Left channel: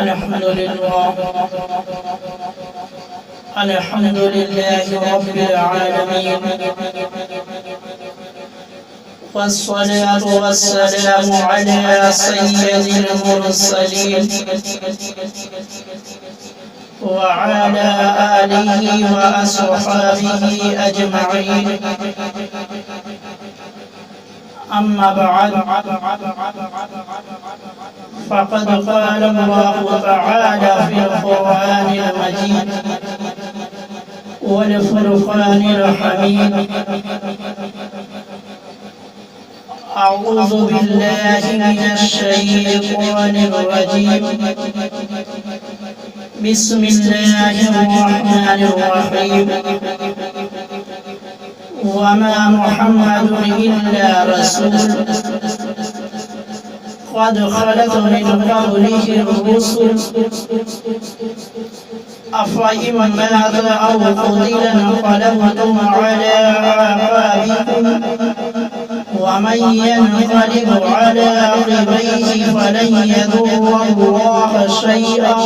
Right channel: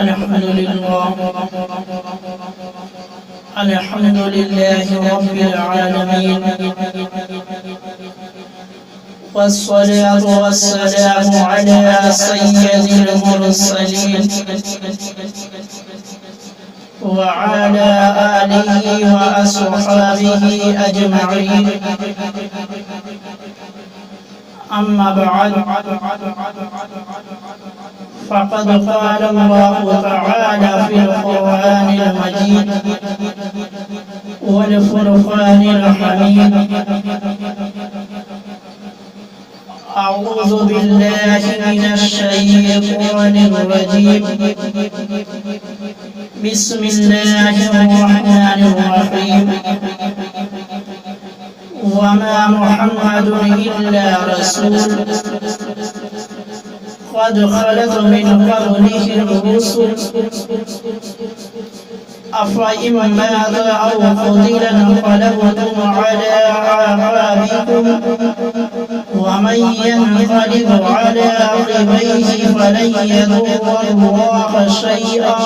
الحمد لله رب العالمين، والصلاة والسلام على سيد المرسلين وعلى آله وأصحابه أجمعين. أما بعد، فقد قال الله تعالى في القرآن المجيد والفرقان الحميد: أعوذ بالله من الشيطان الرجيم، بسم الله الرحمن الرحيم. وما محمد إلا رسول قد خلت من قبله الرسل أفإن مات أو قتل انقلبتم على أعقابكم ومن ينقلب على عقبيه فلن يضر الله شيئا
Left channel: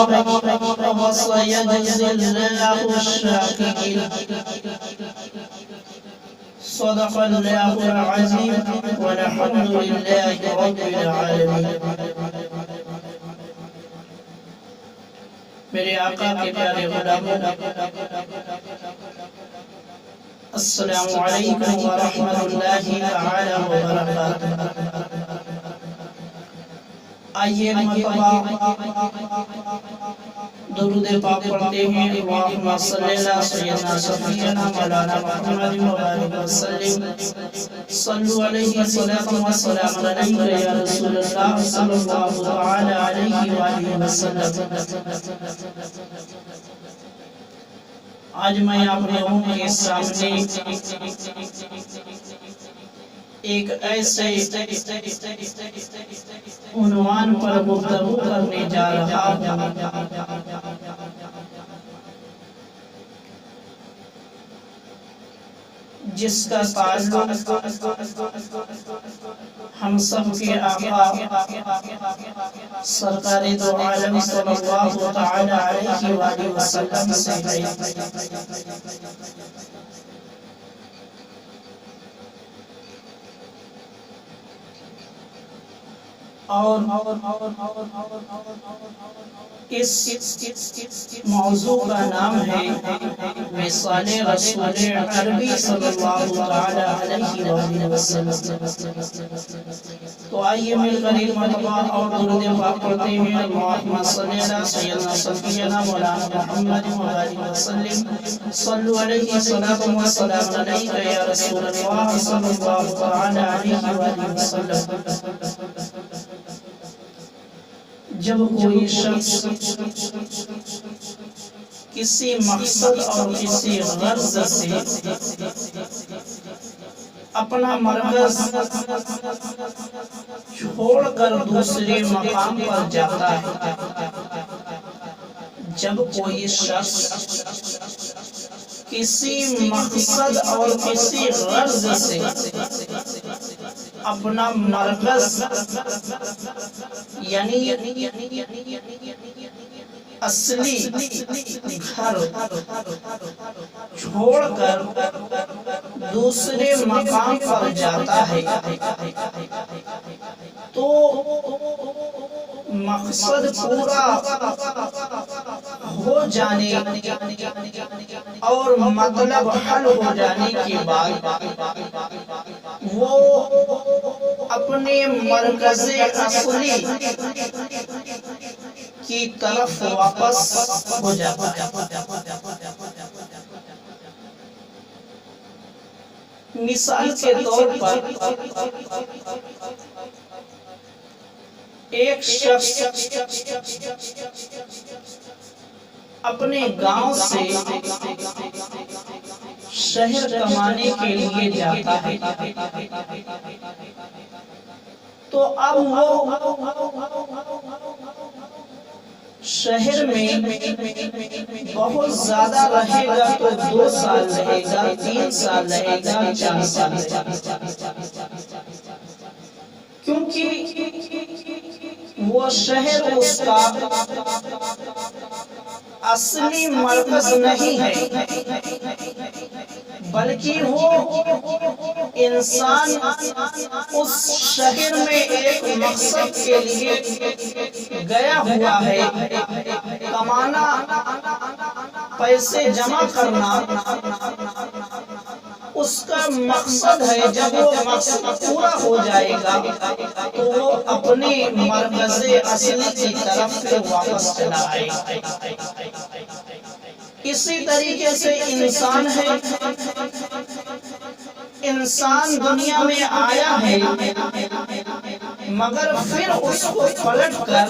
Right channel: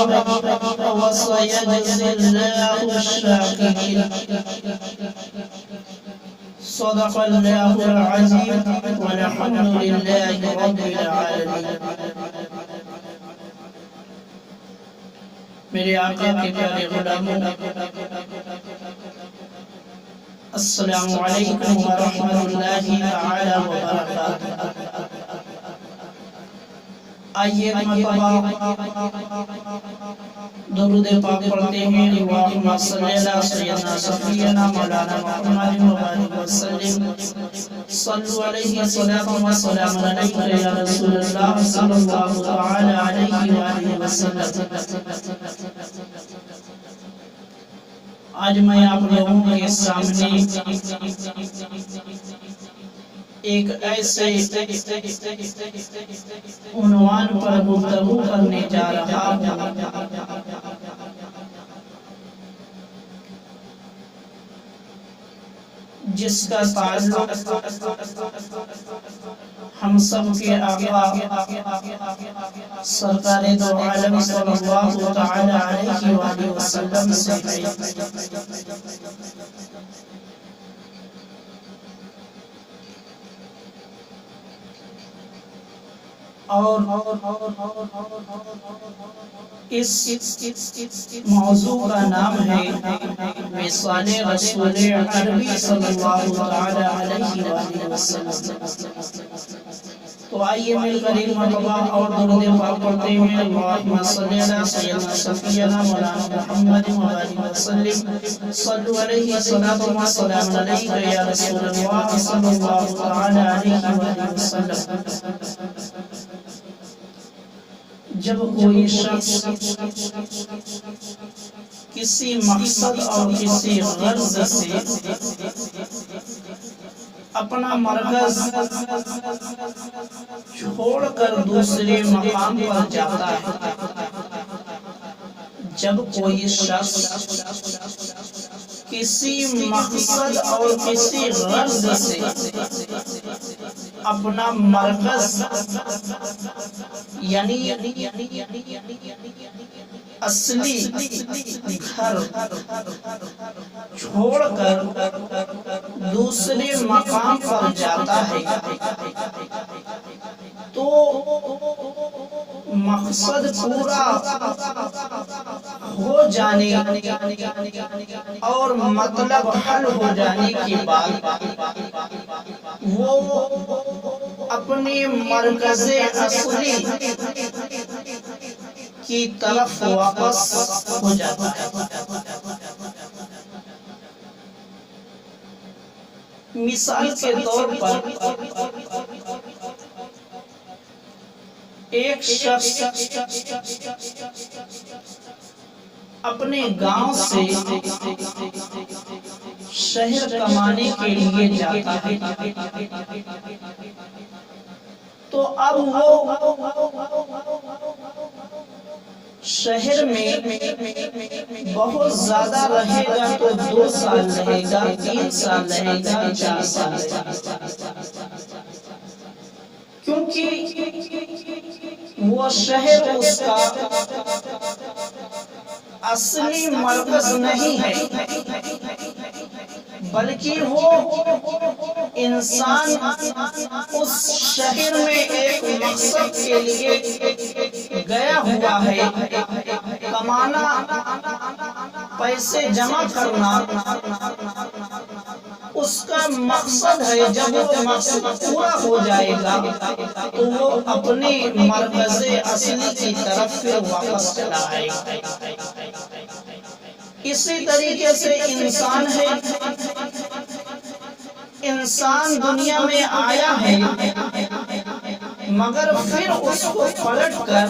وسيجزي الله الشاكرين. صدق الله العظيم والحمد لله رب العالمين. میرے آقا کے پیارے غلاموں، السلام علیکم ورحمۃ اللہ تعالی وبرکاتہ. آئیے ایک مرتبہ درود پاک پڑھتے ہیں. اللہم صلی اللہ سیدنا صفینا مولانا محمد مبارک وسلم. صلو علیہ صلاۃ و سلام علیک یا رسول اللہ صلی اللہ تعالی علیہ وآلہ وسلم. آج میں آپ لوگوں کے سامنے ایک ایسے عنوان پر گفتگو کرنے جا رہا ہوں جس کا تعلق ہم سب کے آقا سرکار دو عالم صلی اللہ تعالی علیہ وآلہ وسلم سے ہے. اور اس موضوع کا نام ہے وصال رسول عربی صلی اللہ تعالی علیہ وآلہ وسلم. تو آئیے مل کر ایک مرتبہ اور درود پاک پڑھتے ہیں. اللہم صلی اللہ سیدنا صفینا مولانا محمد مبارک وسلم. صلو علیہ صلاۃ و سلام علیک یا رسول اللہ صلی اللہ تعالی علیہ وآلہ وسلم. جب کوئی شخص کسی مقصد اور کسی غرض سے اپنا مرکز چھوڑ کر دوسرے مقام پر جاتا ہے، جب کوئی شخص کسی مقصد اور کسی غرض سے اپنا مرکز یعنی اصلی گھر چھوڑ کر دوسرے مقام پر جاتا ہے تو مقصد پورا ہو جانے اور مطلب حل ہو جانے کے بعد وہ اپنے مرکز اصلی کی طرف واپس ہو جاتا ہے. مثال کے طور پر ایک شخص اپنے گاؤں سے شہر کمانے کے لیے جاتا ہے تو اب وہ شہر میں بہت زیادہ رہے گا تو 2 سال رہے گا، 3 سال رہے گا، 4 سال رہے گا. کیونکہ وہ شہر اس کا اصلی مرکز نہیں ہے، بلکہ وہ انسان اس شہر میں ایک مقصد کے لیے گیا ہوا ہے، کمانا، پیسے جمع کرنا اس کا مقصد ہے۔ جب وہ مقصد پورا ہو جائے گا تو وہ اپنے مرکز اصلی کی طرف پھر واپس چلا آئے گا۔ اسی طریقے سے انسان ہے، انسان دنیا میں آیا ہے مگر پھر اس کو پلٹ کر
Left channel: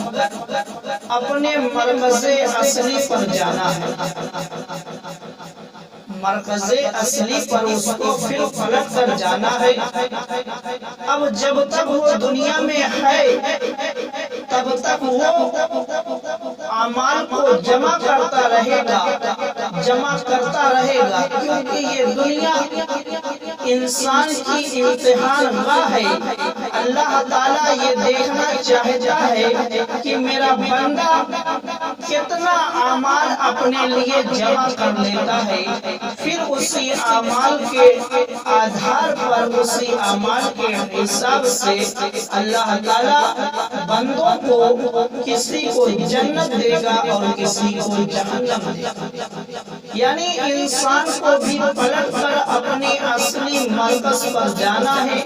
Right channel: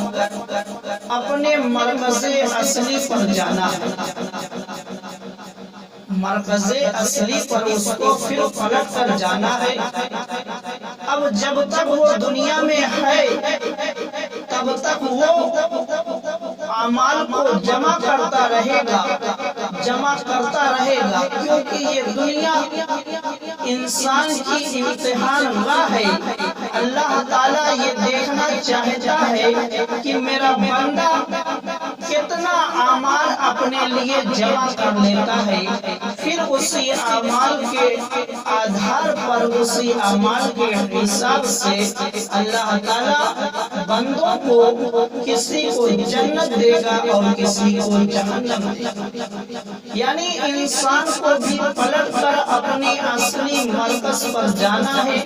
اپنے مرکز اصلی پر جانا ہے، مرکز اصلی پر اس کو پھر پلٹ کر جانا ہے۔ اب جب تک وہ دنیا میں ہے تب تک وہ اعمال کو جمع کرتا رہے گا، کیونکہ یہ دنیا انسان کی امتحان گاہ ہے۔ اللہ تعالیٰ یہ دیکھنا چاہتا ہے کہ میرا بندہ کتنا اعمال اپنے لیے جمع کر لیتا ہے، پھر اسی اعمال کے آدھار پر، اسی اعمال کے حساب سے اللہ تعالیٰ بندوں کو کسی کو جنت دے گا اور کسی کو جہنم دے گا۔ یعنی انسان کو بھی پلٹ کر اپنی اصلی مرکز پر جانا ہے،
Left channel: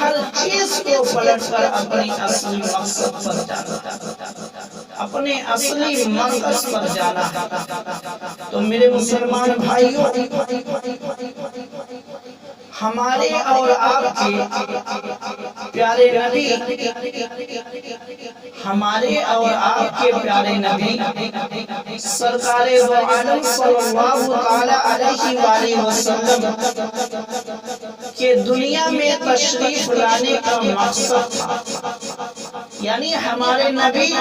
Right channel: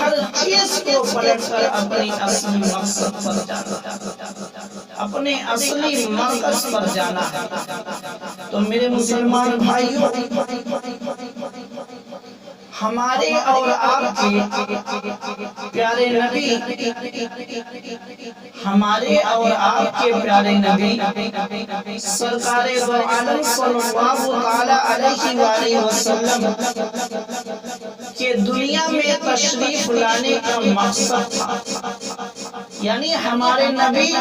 ہر چیز کو پلٹ کر اپنی اصلی مقصد پر جانا ہے، اپنے اصلی مرکز پر جانا ہے۔ تو میرے مسلمان بھائیوں، ہمارے اور آپ کے پیارے نبی، ہمارے اور آپ کے پیارے نبی سرکار دو عالم صلی اللہ تعالی علیہ وآلہ وسلم کے دنیا میں تشریف لانے کا مقصد تھا، یعنی ہمارے نبی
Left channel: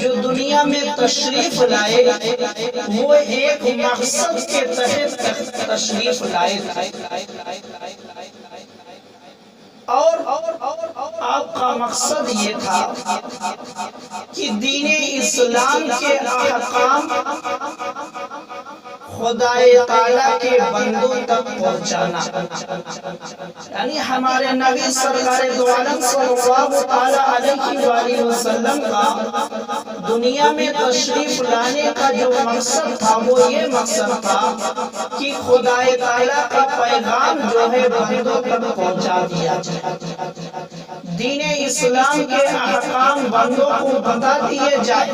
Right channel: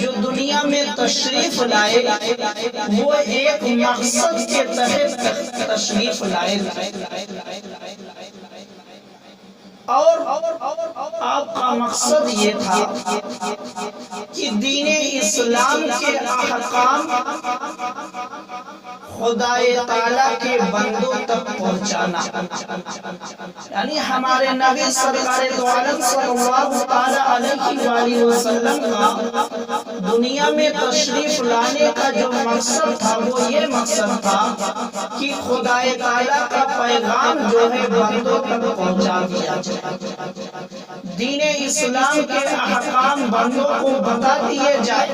جو دنیا میں تشریف لائے وہ ایک مقصد کے تحت تشریف لائے اور آپ کا مقصد یہ تھا کہ دین اسلام کے احکام خدا تعالیٰ کے بندوں تک پہنچانا، یعنی ہمارے نبی سرکار دو عالم صلی اللہ تعالی علیہ وآلہ وسلم کا دنیا میں تشریف لانے کا جو مقصد تھا وہ یہ مقصد تھا کہ خدا تعالیٰ کا پیغام جو ہے بندوں تک پہنچا دیا جائے، دین اسلام کے احکام بندوں کو بتا دیے جائے۔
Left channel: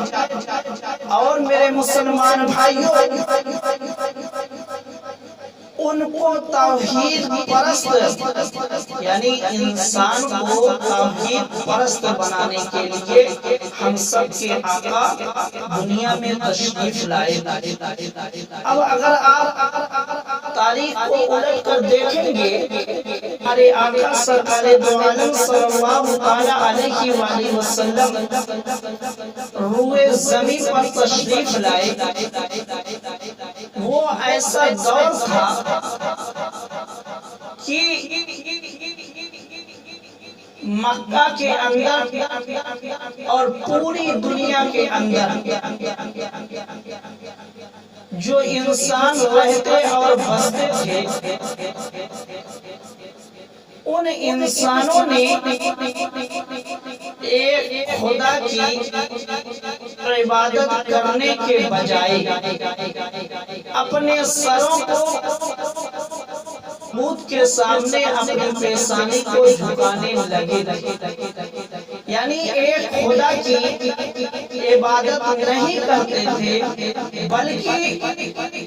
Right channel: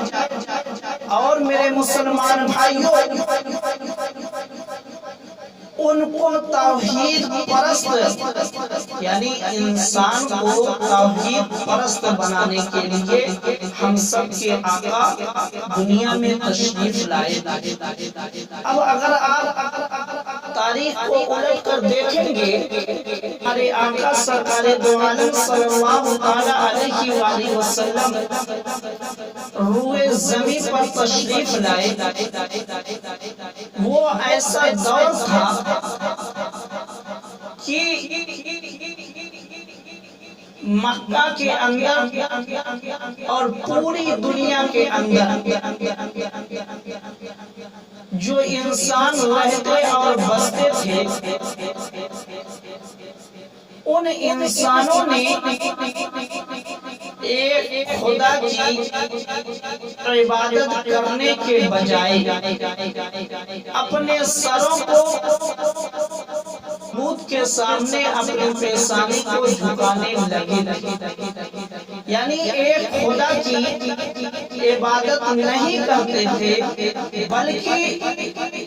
اور میرے مسلمان بھائیوں، ان کو توحید پرست، یعنی انسان کو توحید پرست بنانے کے لیے ہم سب کے آقا دنیا میں تشریف لائے۔ اب اگر آپ تاریخ کو الٹ کر دیکھیں گے، ہمارے آقا سرکار دو عالم صلی اللہ تعالی علیہ وآلہ وسلم روئے زمین پر تشریف لائے، وہ ایسا دور تھا کہ مکہ کے اندر اور پوری دنیا کے اندر جو انسان رہتے اور بستے تھے، ان انسانوں نے ایک خدا کی عبادت کرنے کے بجائے اپنے سروں کو بت کے سامنے اپنی پیشانی کو جھکانے لگے، یعنی ایک خدا کی عبادت نہیں کرتے تھے، بلکہ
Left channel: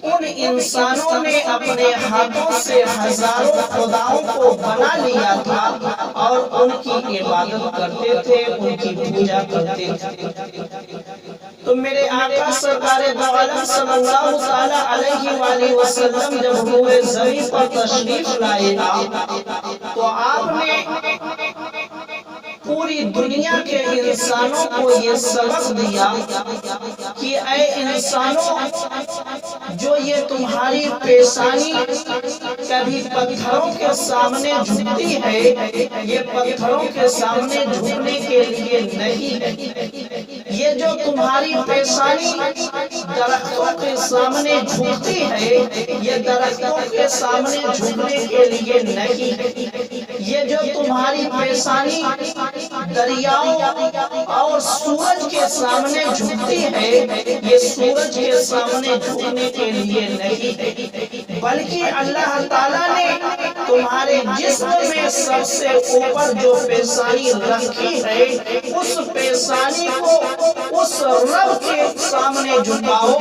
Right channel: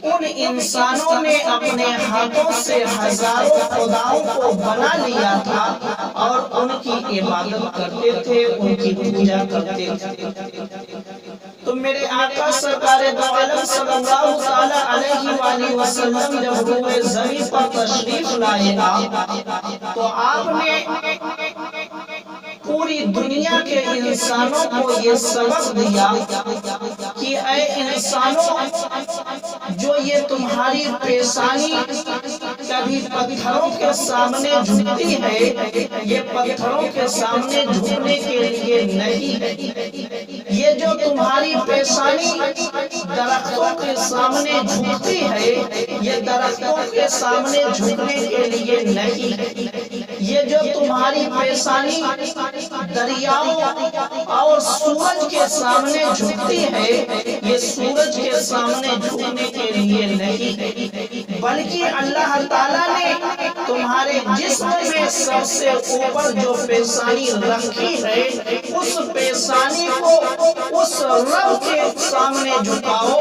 ان انسانوں نے اپنے ہاتھوں سے ہزاروں خداؤں کو بنا لیا تھا اور ان کی عبادت کرتے تھے، ان کی پوجا کرتے تھے۔ تو میرے آقا سرکار دو عالم صلی اللہ تعالی علیہ وآلہ وسلم جب روئے زمین پر تشریف لائے تو آپ نے پوری دنیا کے انسانوں کو یہ سبق دیا کہ اے انسانوں، جو یہ تمہاری پیشانی کبھی پتھروں کے سامنے جھکتی ہے، یہ پتھروں کے سامنے جھکنے کے لیے نہیں ہے۔ یہ جو تمہاری پیشانی درختوں کے سامنے جھکتی ہے، یہ درختوں کے سامنے جھکنے کے لیے نہیں ہے۔ یہ جو تمہاری پیشانی دریاؤں اور سورج کے سامنے جھکتی ہے، یہ سورج کے سامنے جھکنے کے لیے نہیں ہے، بلکہ اللہ تعالیٰ نے تمہارے جسم میں سب سے اوپر جو پیشانی رکھی ہے، اس پیشانی کو اس رب کے سامنے جھکاؤ،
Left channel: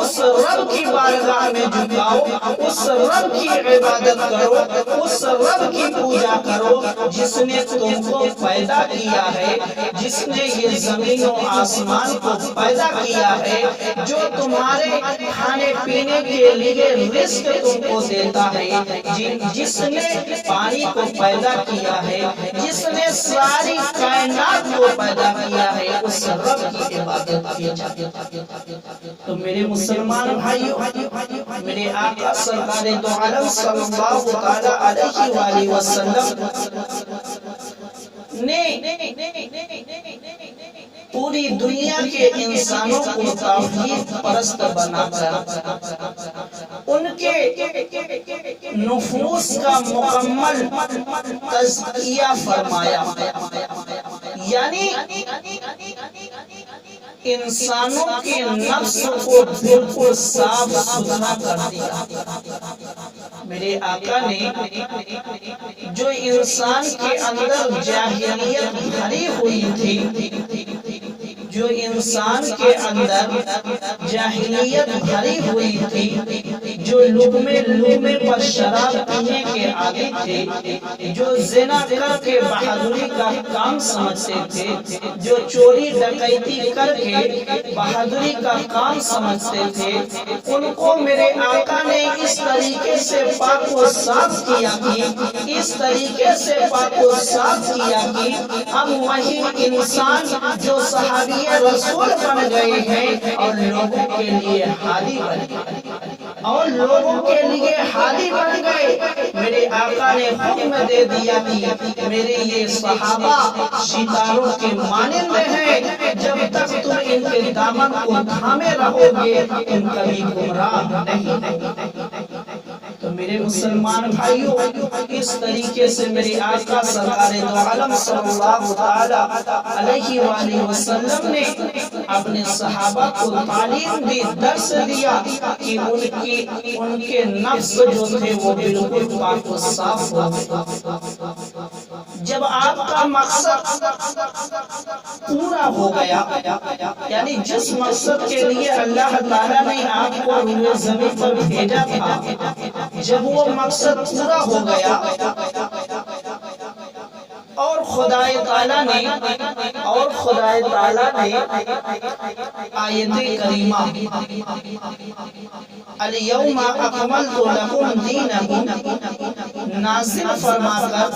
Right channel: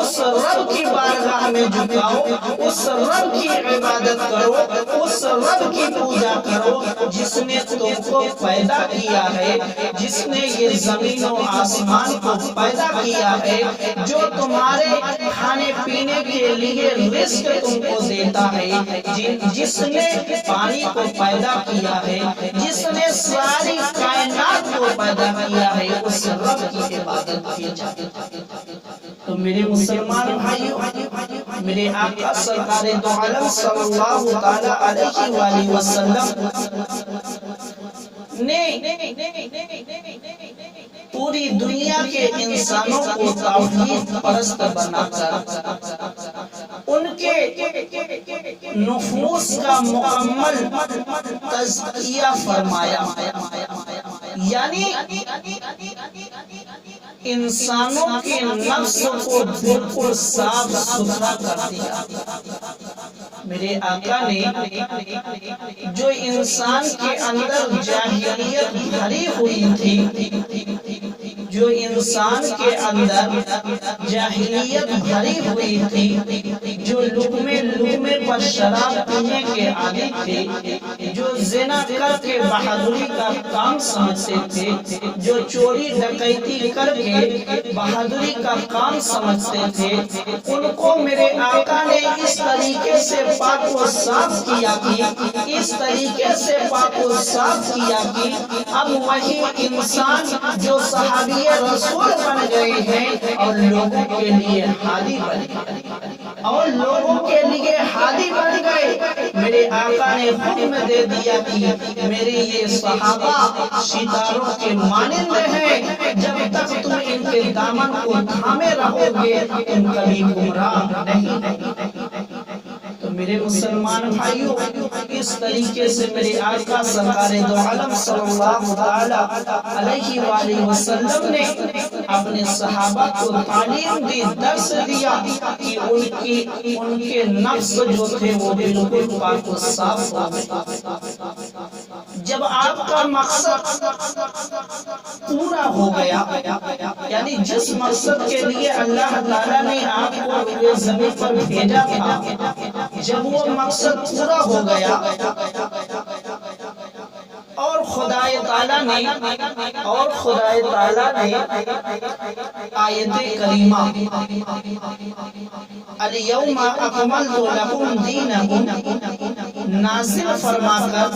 اس رب کی بارگاہ میں جھکاؤ، اس رب کی عبادت کرو، اس رب کی پوجا کرو جس نے تم کو پیدا کیا ہے، جس نے یہ زمین و آسمان کو پیدا کیا ہے، جو تمہارے کھانے پینے کے لیے رزق تم کو دیتا ہے، جس نے پانی کو پیدا کیا ہے، جس نے ساری کائنات کو پیدا کیا ہے، اس رب کی عبادت کی جاتی ہے۔ تو میرے مسلمان بھائیوں، میرے آقا سرکار دو عالم صلی اللہ تعالی علیہ وآلہ وسلم نے پوری دنیا کے انسانوں کو توحید پرست بنا کر ان کے نفوس کا مکمل تزکیہ فرمایا، یعنی انسانوں کے نفس کو بالکل صاف ستھرا کر دیا۔ میرے آقا نے جو انسان کے اندر جاہلیت بھری ہوئی تھی، جو انسان کے اندر جاہلیت بھری ہوئی تھی، جو لقمے پر شراب پینے کے عادی تھے، جو زنا کر کے بہادری کا کام سمجھتے تھے، جو چوری ڈکیتی کر کے بہادری کا کام سمجھتے تھے، ان کو میرے آقا نے اس طریقے سے پاک و صاف کیا کہ اس طریقے سے پاک و صاف کیا کہ اب وہی انسان جو صحابی رسول بن گئے ہیں اور لوگوں کے لیے ہادی بن گئے، اور لوگوں کے لیے ہادی بن گئے۔ میرے آقا نے حکم دے دیا کہ میرے یہ صحابہ ستاروں کے مانند ہیں، جب تک تم ان کے دامن کو تھامے رہو گے تم کبھی گمراہ نہیں۔ تو میرے مسلمان بھائیوں، اس طریقے سے میرے آقا سرکار دو عالم صلی اللہ تعالی علیہ وآلہ وسلم نے اپنے صحابہ کو تعلیم دی، درس دیا کہ ان کے نفس جو تھے وہ بالکل پاک و صاف ہو گئے۔ جب آپ کا مقصد پورا ہو گیا، یعنی جس مقصد کے لیے اللہ تعالیٰ نے آپ کو روئے زمین پر بھیجا تھا، جب وہ مقصد پورا ہو گیا اور خدا تعالیٰ نے آیت کریمہ الیوم اکملت لکم دینکم نازل فرما کر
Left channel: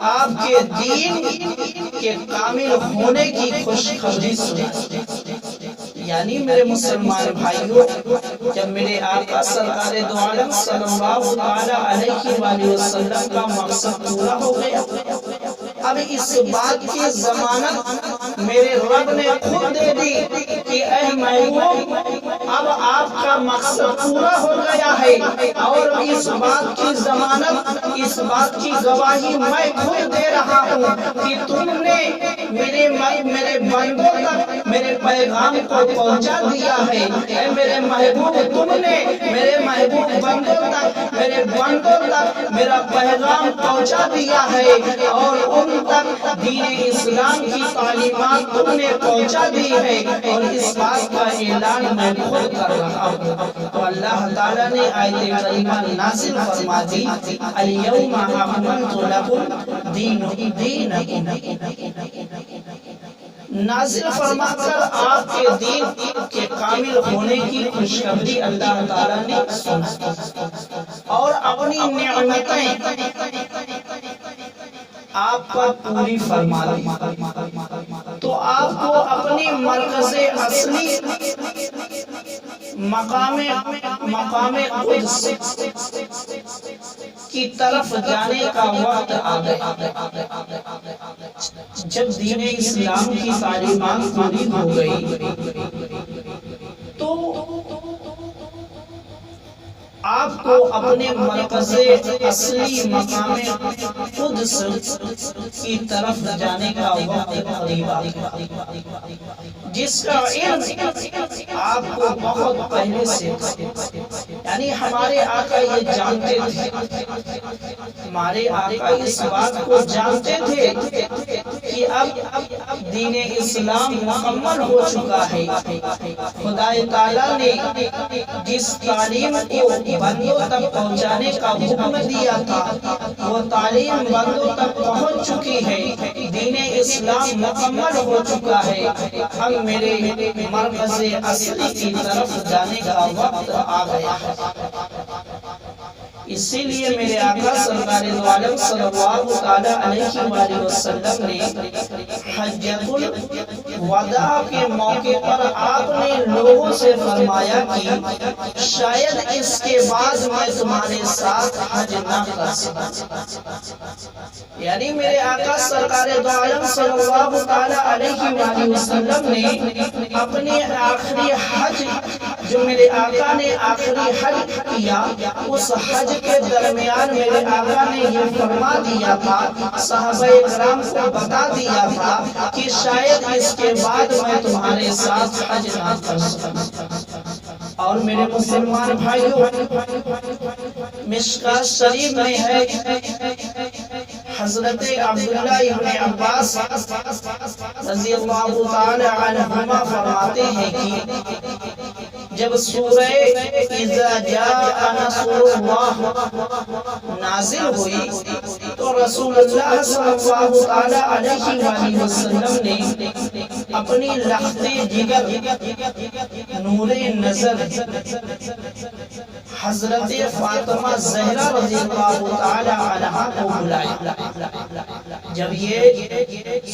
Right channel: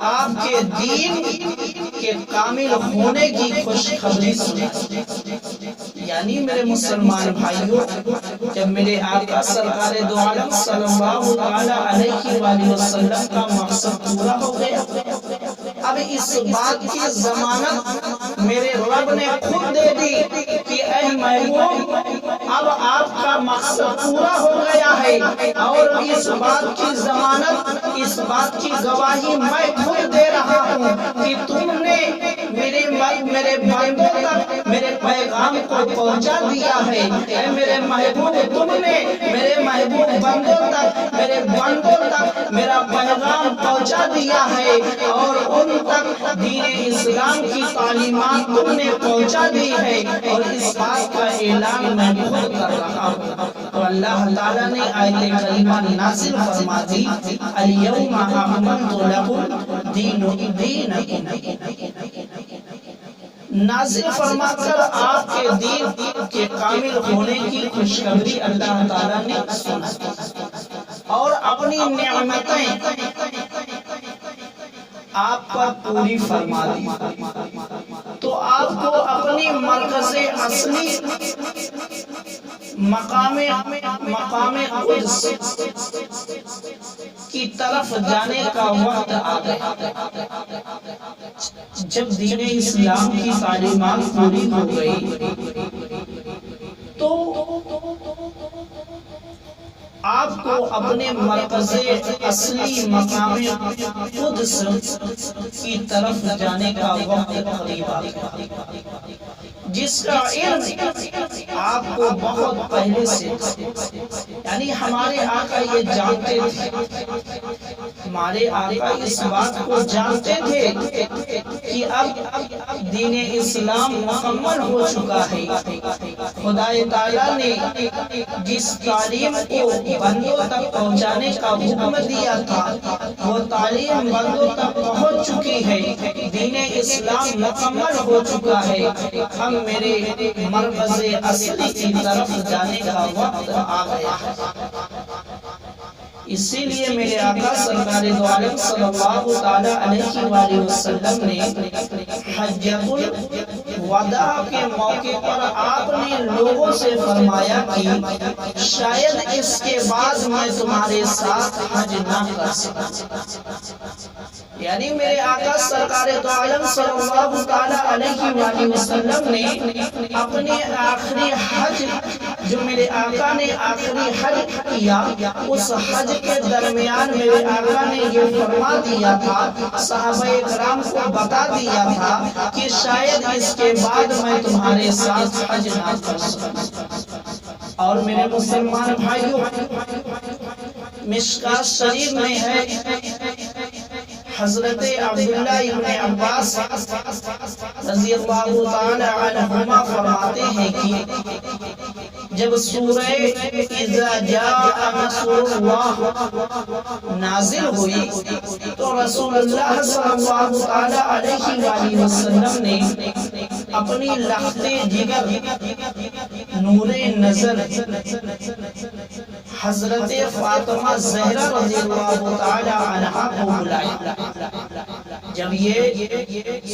آپ کے دین کے کامل ہونے کی خوشخبری سنائی۔ یعنی میرے مسلمان بھائیوں، جب میرے آقا سرکار دو عالم صلی اللہ تعالی علیہ وآلہ وسلم کا مقصد پورا ہو گیا، اب اس بات کی ضمانت میرے رب نے خود دے دی کہ اے محبوب، اب آپ کا مقصد پورا ہو گیا ہے، اور اس بات کی ضمانت، اس بات کی گواہی میں خود دے رہا ہوں کہ تم نے میرے بندوں تک میرے پیغام کو پہنچا دیا ہے۔ اے میرے محبوب، تم نے میرے محبوب بندوں تک میرا پیغام پہنچا دیا ہے، اور ان تک دین اسلام کی تعلیمات تم نے پہنچا دی ہے، اور اس بات کا اعلان میں خود کر رہا ہوں۔ تو اللہ تعالیٰ نے آیت کریمہ نازل فرما دی، الیوم اکملت لکم دینکم، نازل فرما کر آپ کے دین کے کامل ہونے کی خوشخبری اللہ تعالیٰ نے سنا، اور اپنی نعمتیں آپ پر پوری فرما دی تو آپ کو اپنی مرکز اصلی مقام قدس کی طرف جانے کا وقت آ گیا۔ جب دین اسلام کی تعلیمات پوری ہو گئی تو آپ کو اپنے مرکز اصلی مقام قدس کی طرف جانے کا وقت قریب آ گیا، جس کا علم آپ کو بہت پہلے سے تھا۔ یعنی ہمارے آقا یہ جانتے تھے، ہمارے آقا اس بات کو جانتے تھے کہ اب دین اسلام مکمل ہو چکا ہے۔ خدا تعالیٰ نے جس تعلیم کو بندوں تک پہنچانے کا حکم دیا تھا وہ تعلیم بندوں تک پہنچ چکی ہے، دین اسلام مکمل ہو چکا ہے۔ اب میرے مرکز اصلی کی طرف جانے کا وقت آ گیا ہے۔ اسی لیے میرے آقا سرکار دو عالم صلی اللہ تعالی علیہ وآلہ وسلم نے حجۃ الوداع کے موقع پر آپ نے لوگوں سے فرمایا کہ شاید اس کے بعد میں تمہارے ساتھ حج نہ کر سکوں۔ یعنی میرے آقا سرکار دو عالم صلی اللہ تعالی علیہ وآلہ وسلم نے اپنے آخری حج، جو میرے آقا نے آخری حج کیا، اس حج کے درمیان میرے آقا نے یہ فرما دیا تھا، صحابہ کرام کو بتا دیا تھا کہ شاید اس کے بعد میں تمہارے ساتھ حج نہ کر سکوں۔ اور میرے مسلمان بھائیوں، مشکوٰۃ شریف میں ہے، حضرت عبداللہ ابن عباس رضی اللہ تعالی عنہما فرماتے ہیں کہ جب سورہ اذا جاء نصر اللہ نازل ہوئی تو رسول اللہ صلی اللہ تعالی علیہ وآلہ وسلم نے اپنی لخت جگر نور نظر حضرت فاطمہ زہرا رضی اللہ تعالی عنہا کو بلایا۔ جب یہ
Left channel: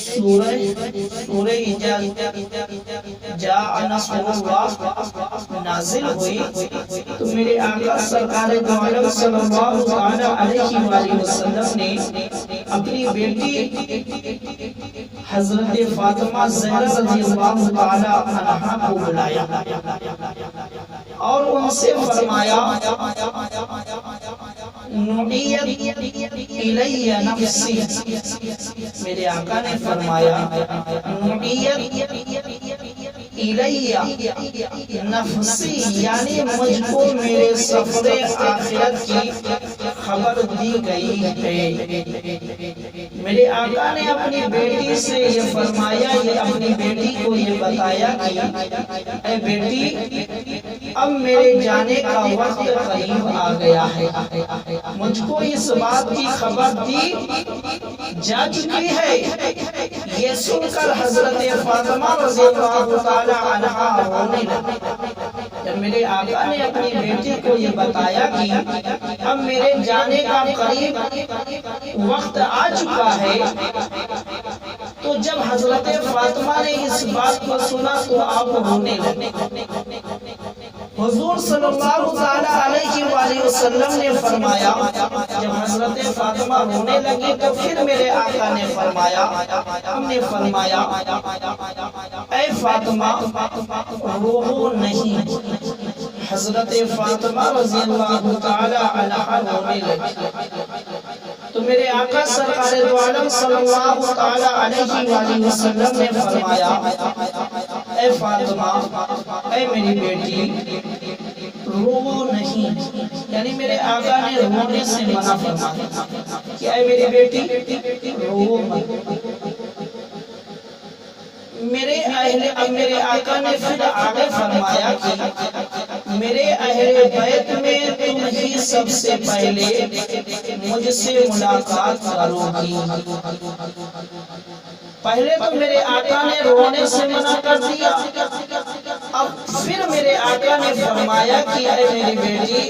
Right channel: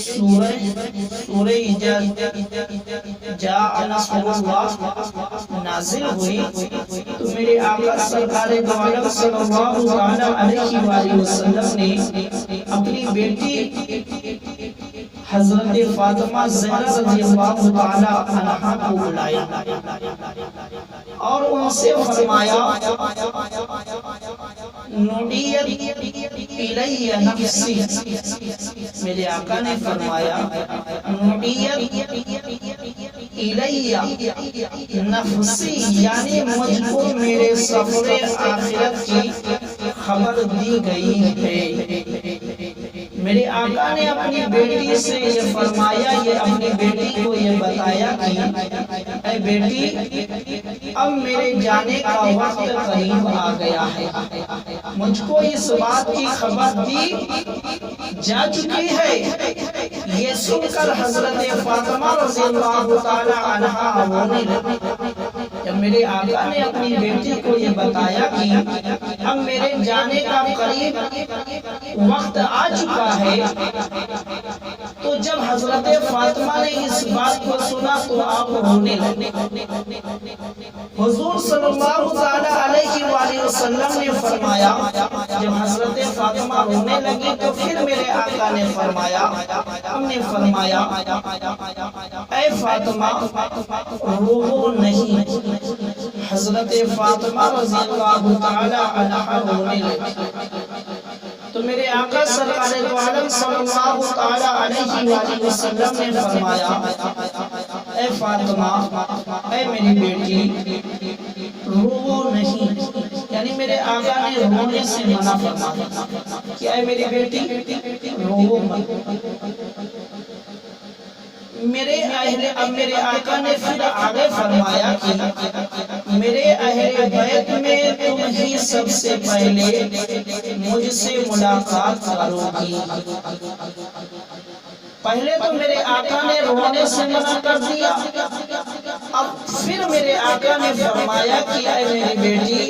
سورہ جاء نصر اللہ نازل ہوئی تو میرے آقا سرکار دو عالم صلی اللہ تعالی علیہ وآلہ وسلم نے اپنی بیٹی حضرت فاطمہ زہرا رضی اللہ تعالی عنہا کو بلایا اور ان سے فرمایا، نعیت الی نفسی، میرے آقا نے فرمایا نعیت الی نفسی، یعنی مجھ کو میرے سفر آخرت کی خبر دی گئی ہے۔ میرے آقا نے اپنی بیٹی سے یہ فرمایا، یہ اپنی بیٹی کو یہ بتایا کہ اے بیٹی، اب میرے جانے کا وقت قریب آ گیا ہے، مجھ کو اس بات کی خبر دی جا چکی ہے۔ یہ سن کر حضرت فاطمہ رضی اللہ تعالی عنہا رونے لگی۔ جب میرے آقا نے اپنی بیٹی کو یہ بتایا کہ اب میرے جانے کا قریب وقت آ چکا ہے، تو جب حضرت فاطمہ نے اس بات کو سنا تو آپ رونے لگے۔ حضور صلی اللہ تعالی علیہ وآلہ وسلم نے فرمایا، جب حضرت فاطمہ رونے لگی تو پھر میرے آقا نے فرمایا، ہم نے فرمایا اے فاطمہ رو نہیں۔ حضرت فاطمہ رضی اللہ تعالی عنہا رونے لگی تو میرے آقا سرکار دو عالم صلی اللہ تعالی علیہ وآلہ وسلم نے فرمایا، اے فاطمہ، اے میری بیٹی، رو نہیں۔ یعنی میرے آقا نے رونے سے منع فرمایا کہ اے میری بیٹی رو مت۔ میرے آقا نے پھر آگے فرمایا کہ میرے اہل بیت میں تم ہی سب سے پہلے مجھ سے ملاقات کرو گی۔ پہلے تو میرے آقا نے رونے سے منع کر دیا، اب پھر میرے آقا نے فرمایا کہ اے میری بیٹی،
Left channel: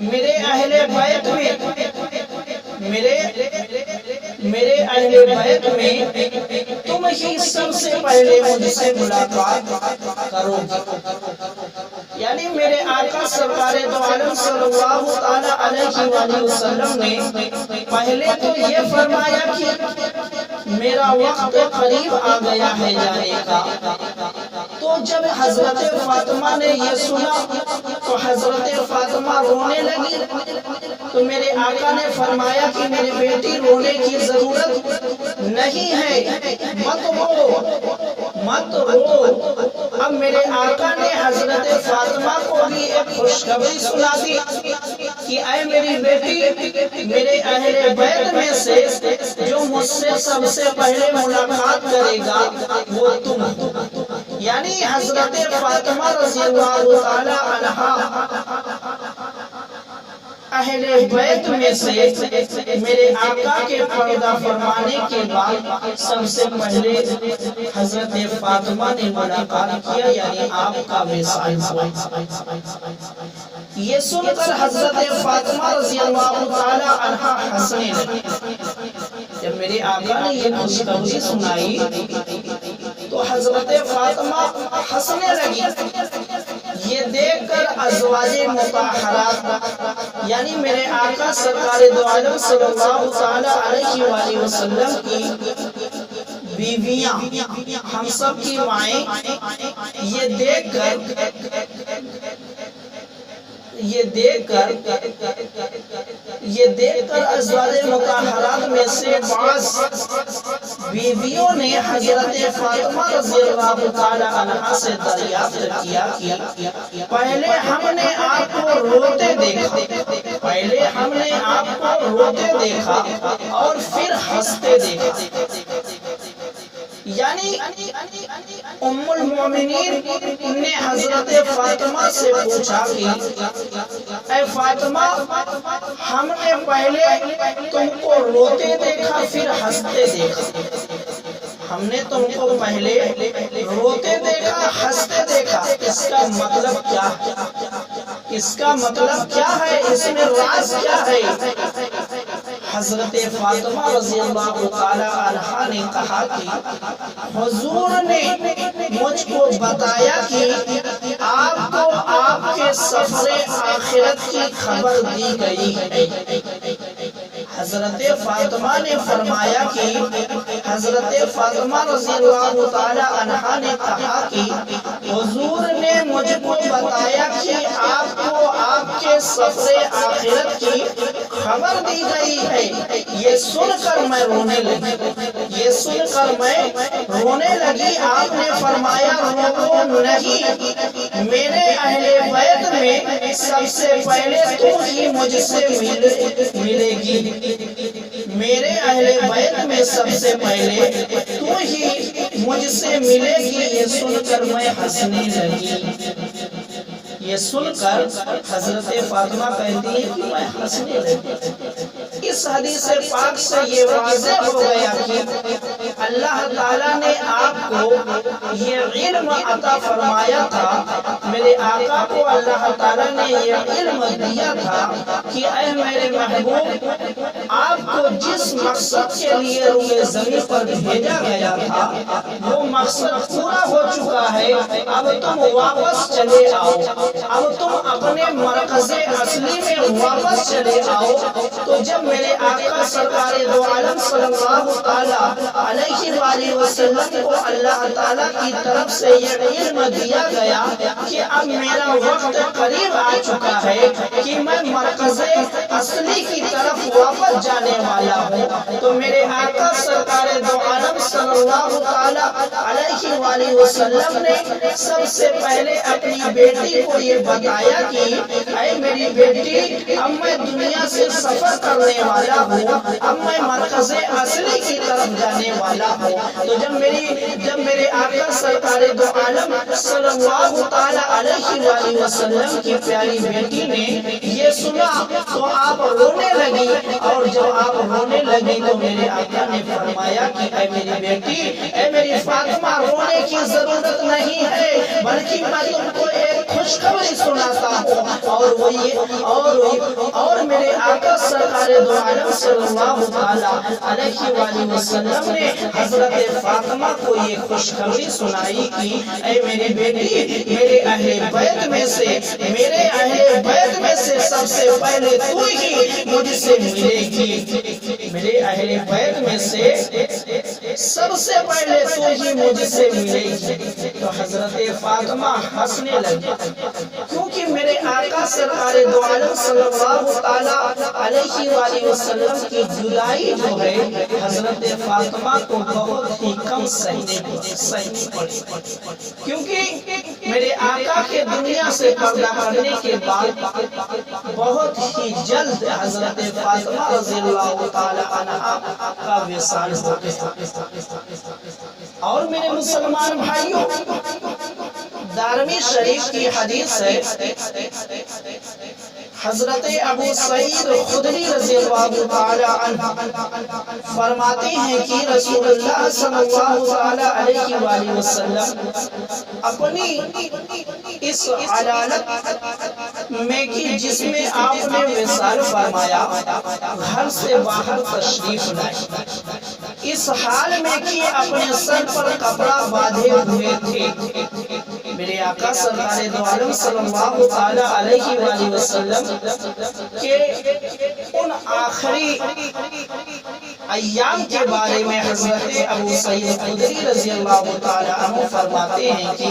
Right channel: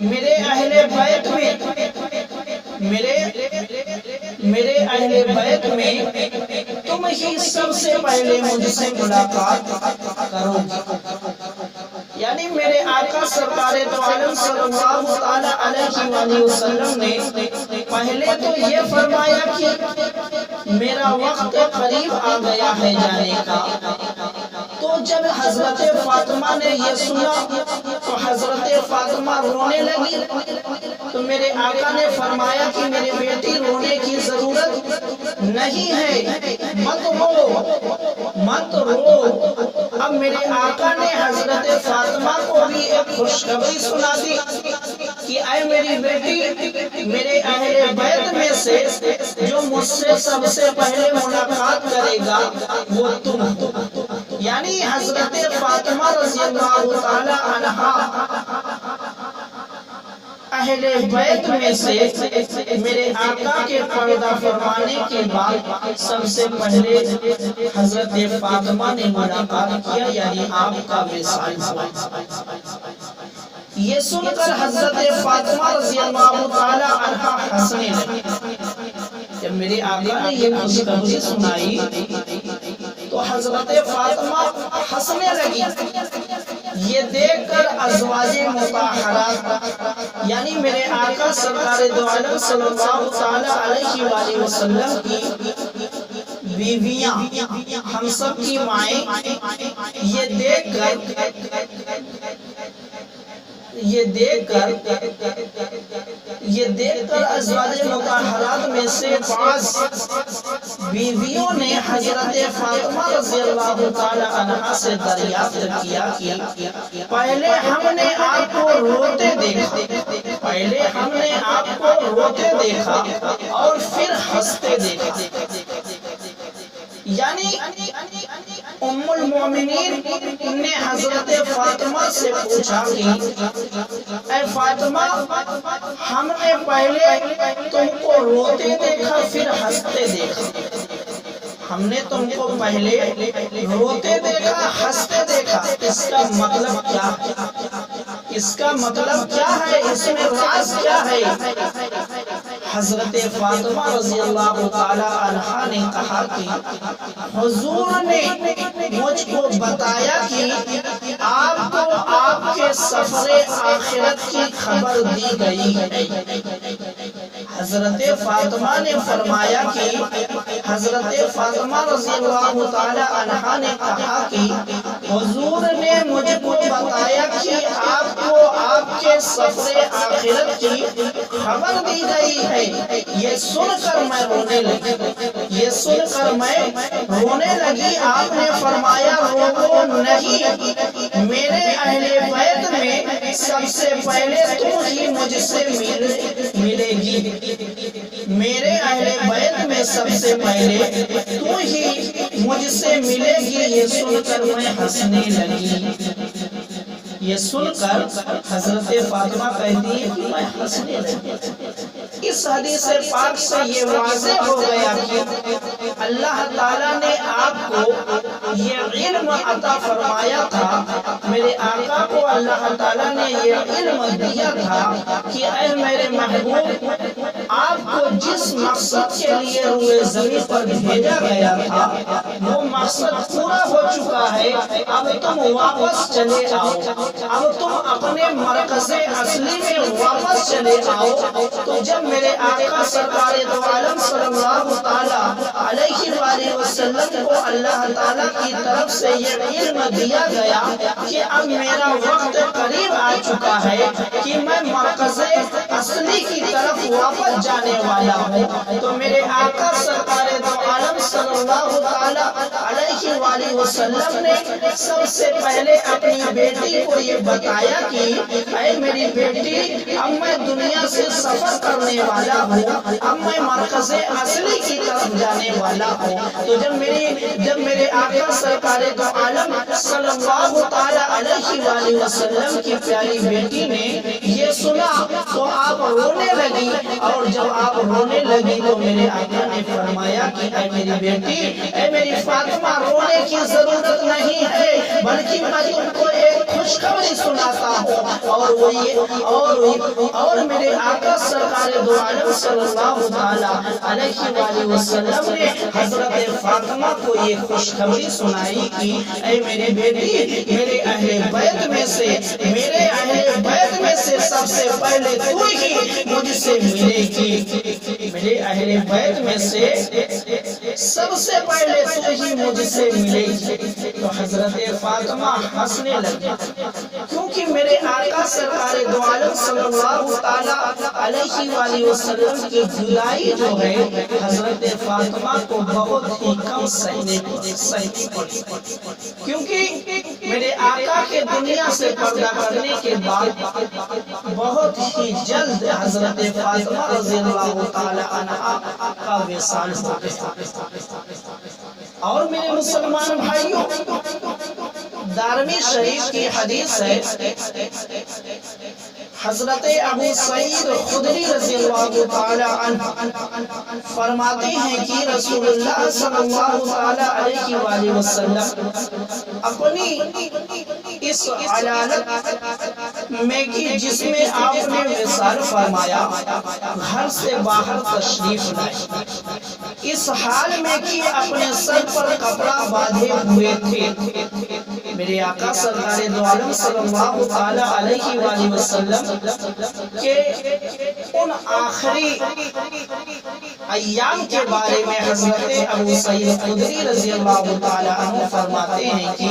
میرے اہل بیت میں، میرے میرے اہل بیت میں تم ہی سب سے پہلے مجھ سے ملاقات کرو گے۔ یعنی میرے آقا سرکار دو عالم صلی اللہ تعالی علیہ وآلہ وسلم نے پہلے تو یہ فرمایا کہ میرا وقت قریب آ گیا ہے جانے کا۔ تو جب حضرت فاطمہ نے یہ سنا تو حضرت فاطمہ رونے لگی، تو میرے آقا نے فرمایا کہ میری بیٹی رونے کی ضرورت نہیں ہے، مت رو مت رو۔ اب میرے آقا نے حضرت فاطمہ کو بھی ایک خوشخبری سنا دی کہ اے میری بیٹی، میرے اہل بیت میں سے جو مجھ سے سب سے پہلے ملاقات کرے گا وہ تم ہو۔ یعنی حضرت فاطمہ رضی اللہ تعالی عنہا اہل بیت میں سے میرے آقا کے پردہ فرمانے کے بعد سب سے پہلے حضرت فاطمہ نے ملاقات کیا، یعنی آپ کا وصال ہوا۔ یہ سن کر حضرت فاطمہ رضی اللہ تعالی عنہا ہنسنے لگی۔ جب میرے آقا نے یہ خوشخبری سنائی تو حضرت فاطمہ ہنسنے لگی۔ یہ دیکھ کر ازواج مطہرات یعنی میرے آقا سرکار دو عالم صلی اللہ تعالی علیہ وآلہ وسلم کی بیویاں، ہم سب کی مائیں، یہ دیکھ کر ازواج مطہرات میں سے بعض بیویوں نے حضرت فاطمہ رضی اللہ تعالی عنہا سے دریافت کیا کہ پہلے ہم نے آپ کو روتے دیکھا اور پھر ہنستے دیکھا۔ یعنی ام المومنین نے حضرت فاطمہ سے پوچھا کہ اے فاطمہ، ہم نے پہلے تم کو روتے دیکھا پھر ہنستے دیکھا، ہم نے تم کو پہلے روتے دیکھا ہنستے دیکھا، اس کا مطلب کیا ہے؟ اس کا مطلب کیا ہے؟ اس میں راز کیا ہے؟ حضرت فاطمہ رضی اللہ تعالی عنہا نے کہا کہ حضور نے مجھ کو بتایا کہ آپ کو آپ کے سفر آخرت کی خبر دی گئی ہے۔ حضرت فاطمہ نے فرمایا کہ حضرت فاطمہ رضی اللہ تعالی عنہا نے کہا کہ حضور نے مجھ کو بتایا کہ آپ کو آپ کے سفر آخرت کی خبر دی گئی ہے۔ یہ سن کر میں رونے لگی۔ آپ نے فرمایا رو نہیں، میرے اہل بیت میں سب سے پہلے تم ہی مجھ سے ملے گی، میرے اہل بیت میں سب سے پہلے تو ہی مجھ سے ملے گی۔ یہ سن کر میں ہنسنے لگی۔ یہ سن کر حضرت فاطمہ کہتی ہے کہ میں ہنسنے لگی۔ اس حدیث پاک سے یہ واضح ہو گیا کہ اللہ تعالیٰ نے آپ کو یہ علم عطا فرمایا تھا، میرے آقا کو اللہ تعالیٰ نے یہ علم دیا تھا کہ اے میرے محبوب، آپ کو جس مقصد کے لیے روئے زمین پر بھیجا گیا تھا وہ مقصد پورا ہو چکا ہے، اب تم واپس چلے آؤ، اب تم اپنے مرکز اصلی میں واپس چلے آؤ۔ تو جب میرے آقا سرکار دو عالم صلی اللہ تعالی علیہ وآلہ وسلم کو اللہ تعالیٰ کی طرف سے یہ علم دیا گیا کہ اب میرا وقت قریب آ چکا ہے کہ میں مرکز اصلی کی طرف واپس جانے والا ہوں، تو میرے آقا سرکار دو عالم صلی اللہ تعالی علیہ وآلہ وسلم نے سب سے پہلے اپنی بیٹی کو یہ بتایا کہ اے میری بیٹی، اب میں دنیا سے سفر کرنے والا ہوں، اب میں مرکز اصلی کی طرف جانے والا ہوں۔ تو جب میرے آقا سرکار دو عالم صلی اللہ تعالی علیہ وآلہ وسلم کی پیاری بیٹی نے یہ سنا تو آپ رونے لگی، اور جب آپ رونے لگی تو میرے آقا نے فرمایا کہ اے میری بیٹی، اے میری فاطمہ، رونے کی ضرورت نہیں ہے، بلکہ میں تم کو ایک خوشخبری سناتا ہوں، اور میرے آقا سرکار دو عالم صلی اللہ علیہ وآلہ وسلم نے حضرت فاطمہ کو یہ خوشخبری سنائی کہ اے میری بیٹی، میرے اہل بیت میں سے سب سے پہلے تو ہی مجھ سے ملے گی، میرے اہل بیت میں سے سب سے پہلے تو ہی مجھ سے ملے گی۔ تو حضرت فاطمہ ہنسنے لگی، کیونکہ میرے آقا سرکار دو عالم صلی اللہ علیہ وآلہ وسلم کی جدائی جو ہے حضرت فاطمہ کو بہت ہی کم سہنی پڑی، کیونکہ میرے آقا کے دنیا سے پردہ کرنے کے بعد بہت ہی جلد حضرت فاطمہ رضی اللہ تعالی عنہا کا وصال ہو گیا۔ اور میرے مسلمان بھائیوں، دارمی شریف کی حدیث ہے، حضرت ابو سعید خدری رضی اللہ تعالی عنہ فرماتے ہیں کہ رسول اللہ صلی اللہ علیہ وآلہ وسلم اپنی اس علالت میں کہ جس میں آپ نے وصال فرمایا، گھر سے باہر تشریف لائے، اس حال میں کہ اپنے سر پر کپڑا باندھے ہوئے تھے۔ میرے آقا سرکار دو عالم صلی اللہ علیہ وآلہ وسلم کے ان آخری ایام کے بارے میں حضرت ابو سعید خدری رضی اللہ تعالی عنہ فرماتے ہیں کہ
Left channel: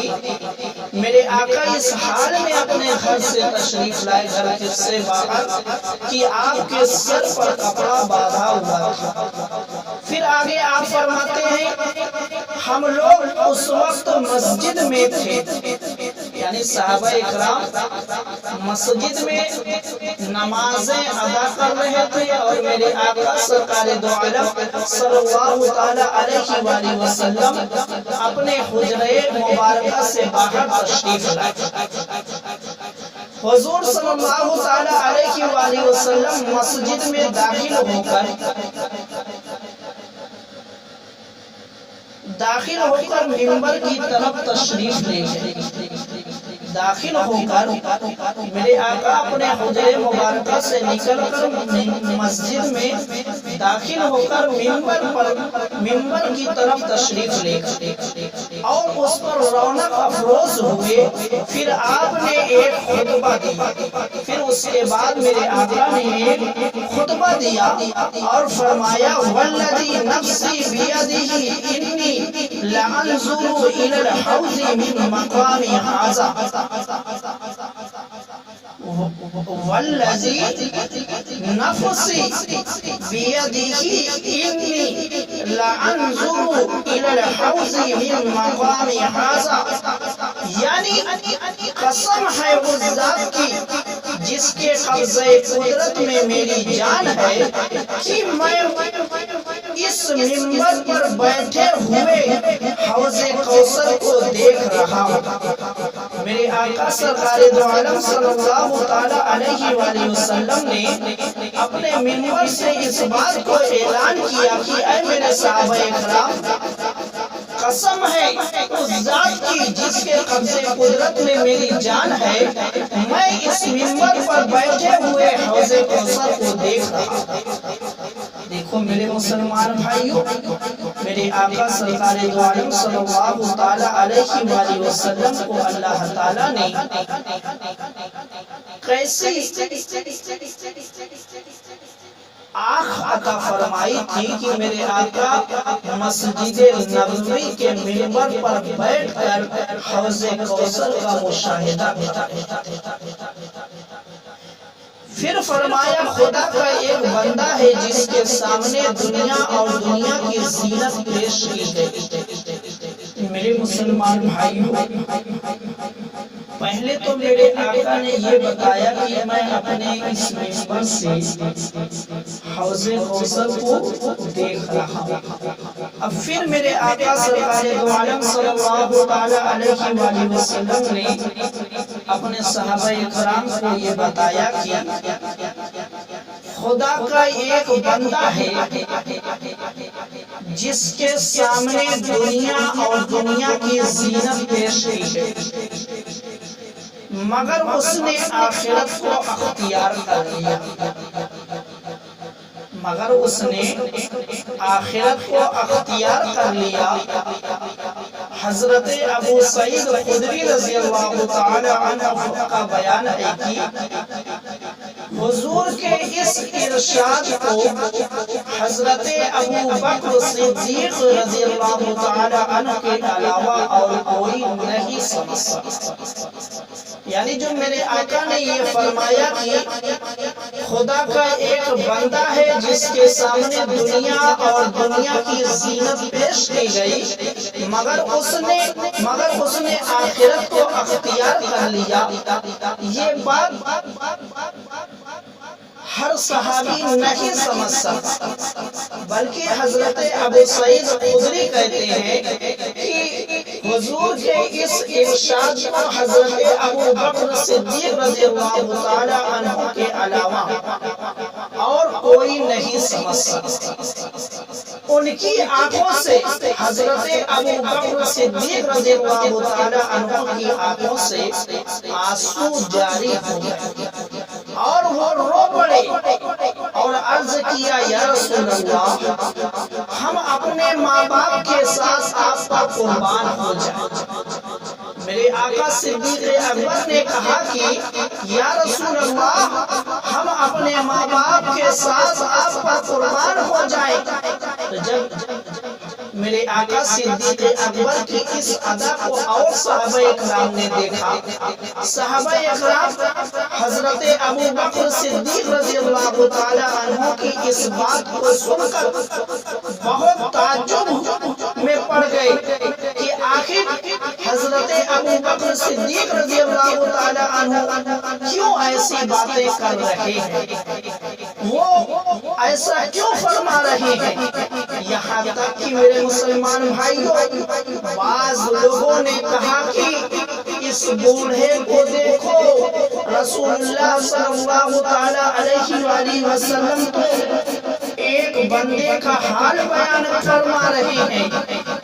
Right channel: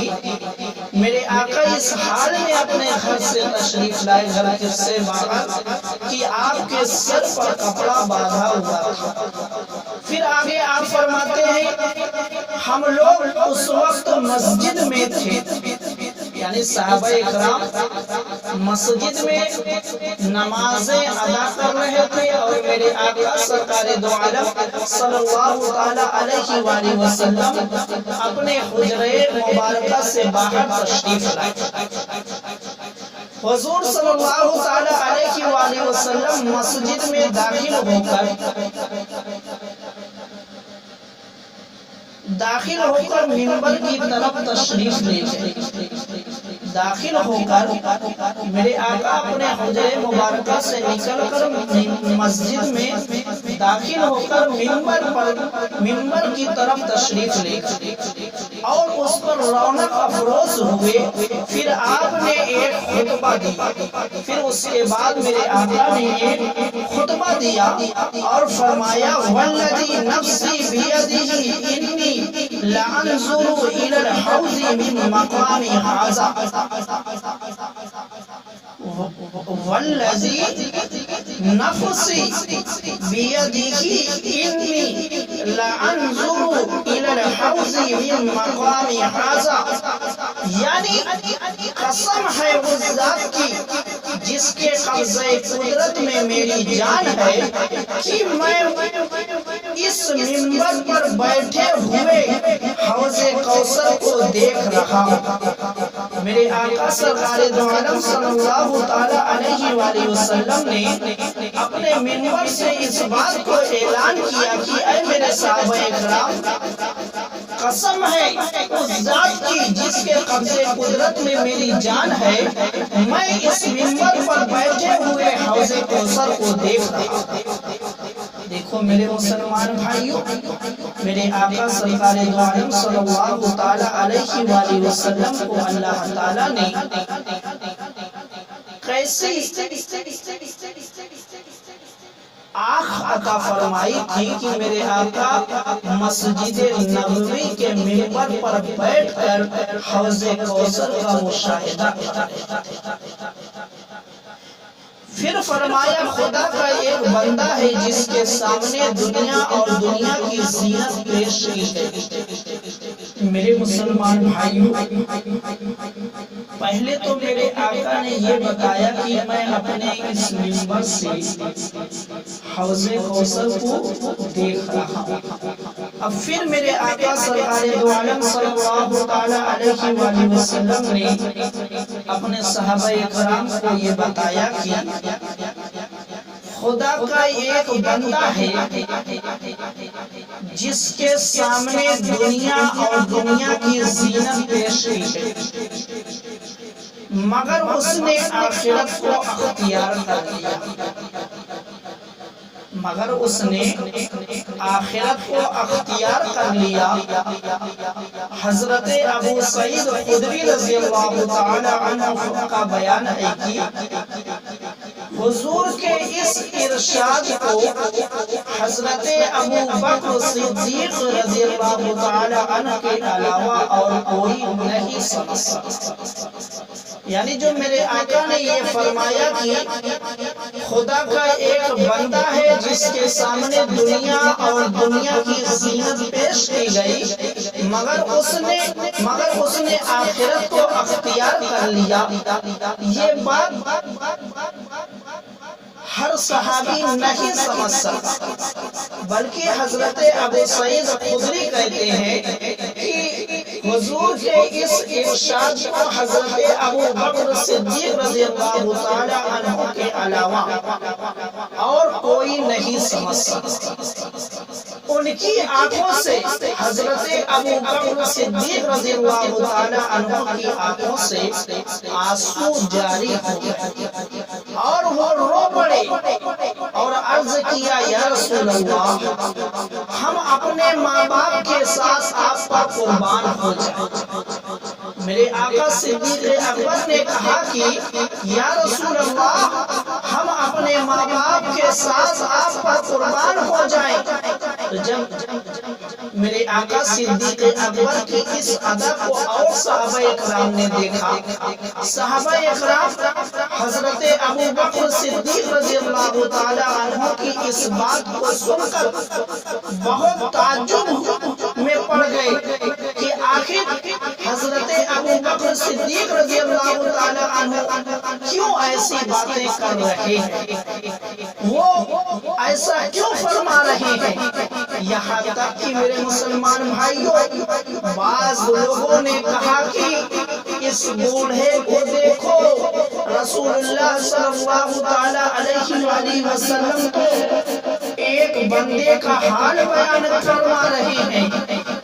میرے آقا اس حال میں اپنے گھر سے تشریف لائے، گھر سے باہر، کہ آپ کے سر پر کپڑا باندھا ہوا تھا۔ پھر آگے آپ فرماتے ہیں ہم لوگ اس وقت مسجد میں تھے، یعنی صحابہ اکرام مسجد میں نمازیں ادا کر رہے تھے، اور میرے آقا سرکار دو عالم صلی اللہ تعالی علیہ وآلہ وسلم اپنے حجرے مبارکہ سے باہر تشریف لائے۔ حضور صلی اللہ تعالی علیہ وآلہ وسلم مسجد میں داخل ہو کر ممبر کی طرف تشریف لے گئے۔ داخل ہو کر میرے آقا اپنے حجرے مبارکہ سے نکل کر مسجد میں داخل ہو کر ممبر کی طرف تشریف لے گئے اور اس پر رونق افروز ہوئے۔ پھر آپ نے ایک خطبہ دیا، پھر اس کے بعد میرے آقا نے ایک خطبہ دیا اور فرمایا والذی نفسی بیدہ انی لانظر الی الحوض من مقام ھذا، والذی نفسی بیدہ انی لانظر الی الحوض من مقام ھذا، یعنی قسم ہے اس ذات کی جس کے قبضہ قدرت میں میری جان ہے کہ میں اس ممبر پر بیٹھے ہوئے حوض کوثر کو دیکھ رہا ہوں۔ میرے آقا سرکار دو عالم صلی اللہ تعالی علیہ وآلہ وسلم نے اپنے ممبر سے اس بات کو اعلان کیا کہ اے میرے صحابہ اکرام، قسم ہے اس ذات کی جس کے قبضے قدرت میں میری جان ہے، میں اس ممبر پر بیٹھے ہوئے حوض کوثر کو دیکھ رہا ہوں۔ دیکھو میرے مسلمان بھائیوں، میرے آقا سرکار دو عالم صلی اللہ تعالی علیہ وآلہ وسلم کو اللہ تعالیٰ نے کیسی آنکھ عطا فرمائی تھی کہ میرے آقا مسجد نبوی کے ممبر پر بیٹھ کر حوض کوثر کا مشاہدہ پھر فرمایا خدا کا ایک بندہ ہے جس کے سامنے دنیا اور دنیا کی زینت پیش کی گئی۔ میرے مسلمان بھائیوں، پہلے تو میرے آقا نے یہ بتایا کہ میں اپنے اس ممبر سے حوض کوثر کو دیکھ رہا ہوں۔ اب پھر میرے آقا سرکار دو عالم صلی اللہ تعالی علیہ وآلہ وسلم نے اپنے صحابہ اکرام کو یہ بتایا کہ خدا کا ایک بندہ ہے جس کے سامنے دنیا اور دنیا کی زینت پیش کی گئی۔ مگر اس نے آخرت کو اختیار کر لیا، مگر اس نے آخرت کو اختیار کر لیا۔ حضرت ابو سعید خدری رضی اللہ تعالی عنہ کا بیان ہے کہ حضور کے اس ارشاد کو حضرت ابو بکر صدیق رضی اللہ تعالی عنہ کے علاوہ اور کوئی نہیں سمجھ سکتا۔ یعنی جو میرے آقا نے یہ فرمایا کہ خدا کا ایک بندہ ہے جس کے سامنے دنیا اور دنیا کی زینت پیش کی گئی، مگر اس نے آخرت کو اختیار کر لیا، یہ بات ہر صحابی نہیں سمجھ سکتا، بلکہ حضرت ابو سعید خدری کہتے ہیں کہ حضور کے اس ارشاد کو حضرت ابو بکر صدیق رضی اللہ تعالی عنہ کے علاوہ اور کوئی نہیں سمجھ سکتا۔ ان کی آنکھوں سے حضرت ابو بکر صدیق رضی اللہ تعالی عنہ کی آنکھوں سے آنسو جاری ہو گئے اور وہ رو پڑے اور عرض کیا، یا رسول اللہ، ہم اپنے ماں باپ کے ساتھ آپ پر قربان ہو جائیں۔ میرے آقا صدیق اکبر نے کہا کہ یا رسول اللہ، ہم اپنے ماں باپ کے ساتھ آپ پر قربان ہو جائیں۔ تو جب میرے آقا صدیق اکبر کی اس ادا کو اور صحابہ اکرام نے دیکھا، صحابہ اکرام حضرت ابو بکر صدیق رضی اللہ تعالی عنہ کی اس بات کو سن کر بہت تعجب میں پڑ گئے کہ آخر حضرت ابو بکر صدیق رضی اللہ تعالی عنہ کیوں ایسی باتیں کر رہے ہیں، وہ ایسا کیوں فرما رہے ہیں۔ یہاں تک کہ میرے مسلمان بھائیوں، بعض لوگوں نے کہا کہ اس بوڑھے کو دیکھو، رسول اللہ صلی اللہ تعالی علیہ وآلہ وسلم تو ایک بندے کا حال بیان فرما رہے ہیں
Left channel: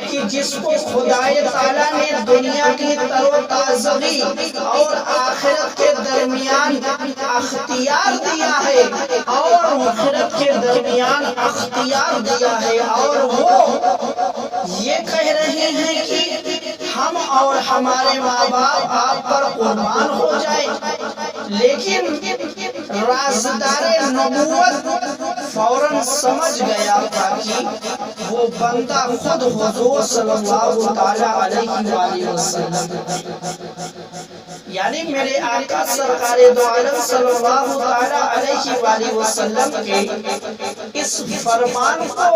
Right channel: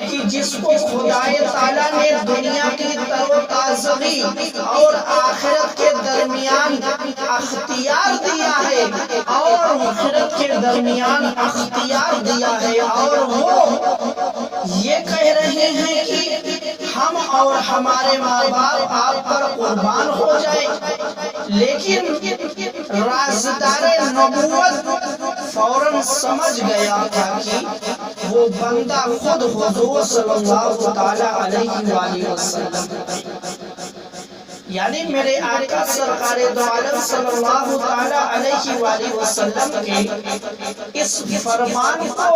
کہ جس کو خدائے تعالیٰ نے دنیا کی تر و تازگی اور آخرت کے درمیان اختیار دیا ہے، اور وہ یہ کہہ رہے ہیں کہ ہم اور ہمارے ماں باپ آپ پر قربان ہو جائیں، لیکن رازدار نبوت فوراً سمجھ گیا تھا کہ وہ بندہ خود حضور صلی اللہ تعالی علیہ وآلہ وسلم، یعنی میرے آقا سرکار دو عالم صلی اللہ تعالی علیہ وآلہ وسلم کے اس فرمان کو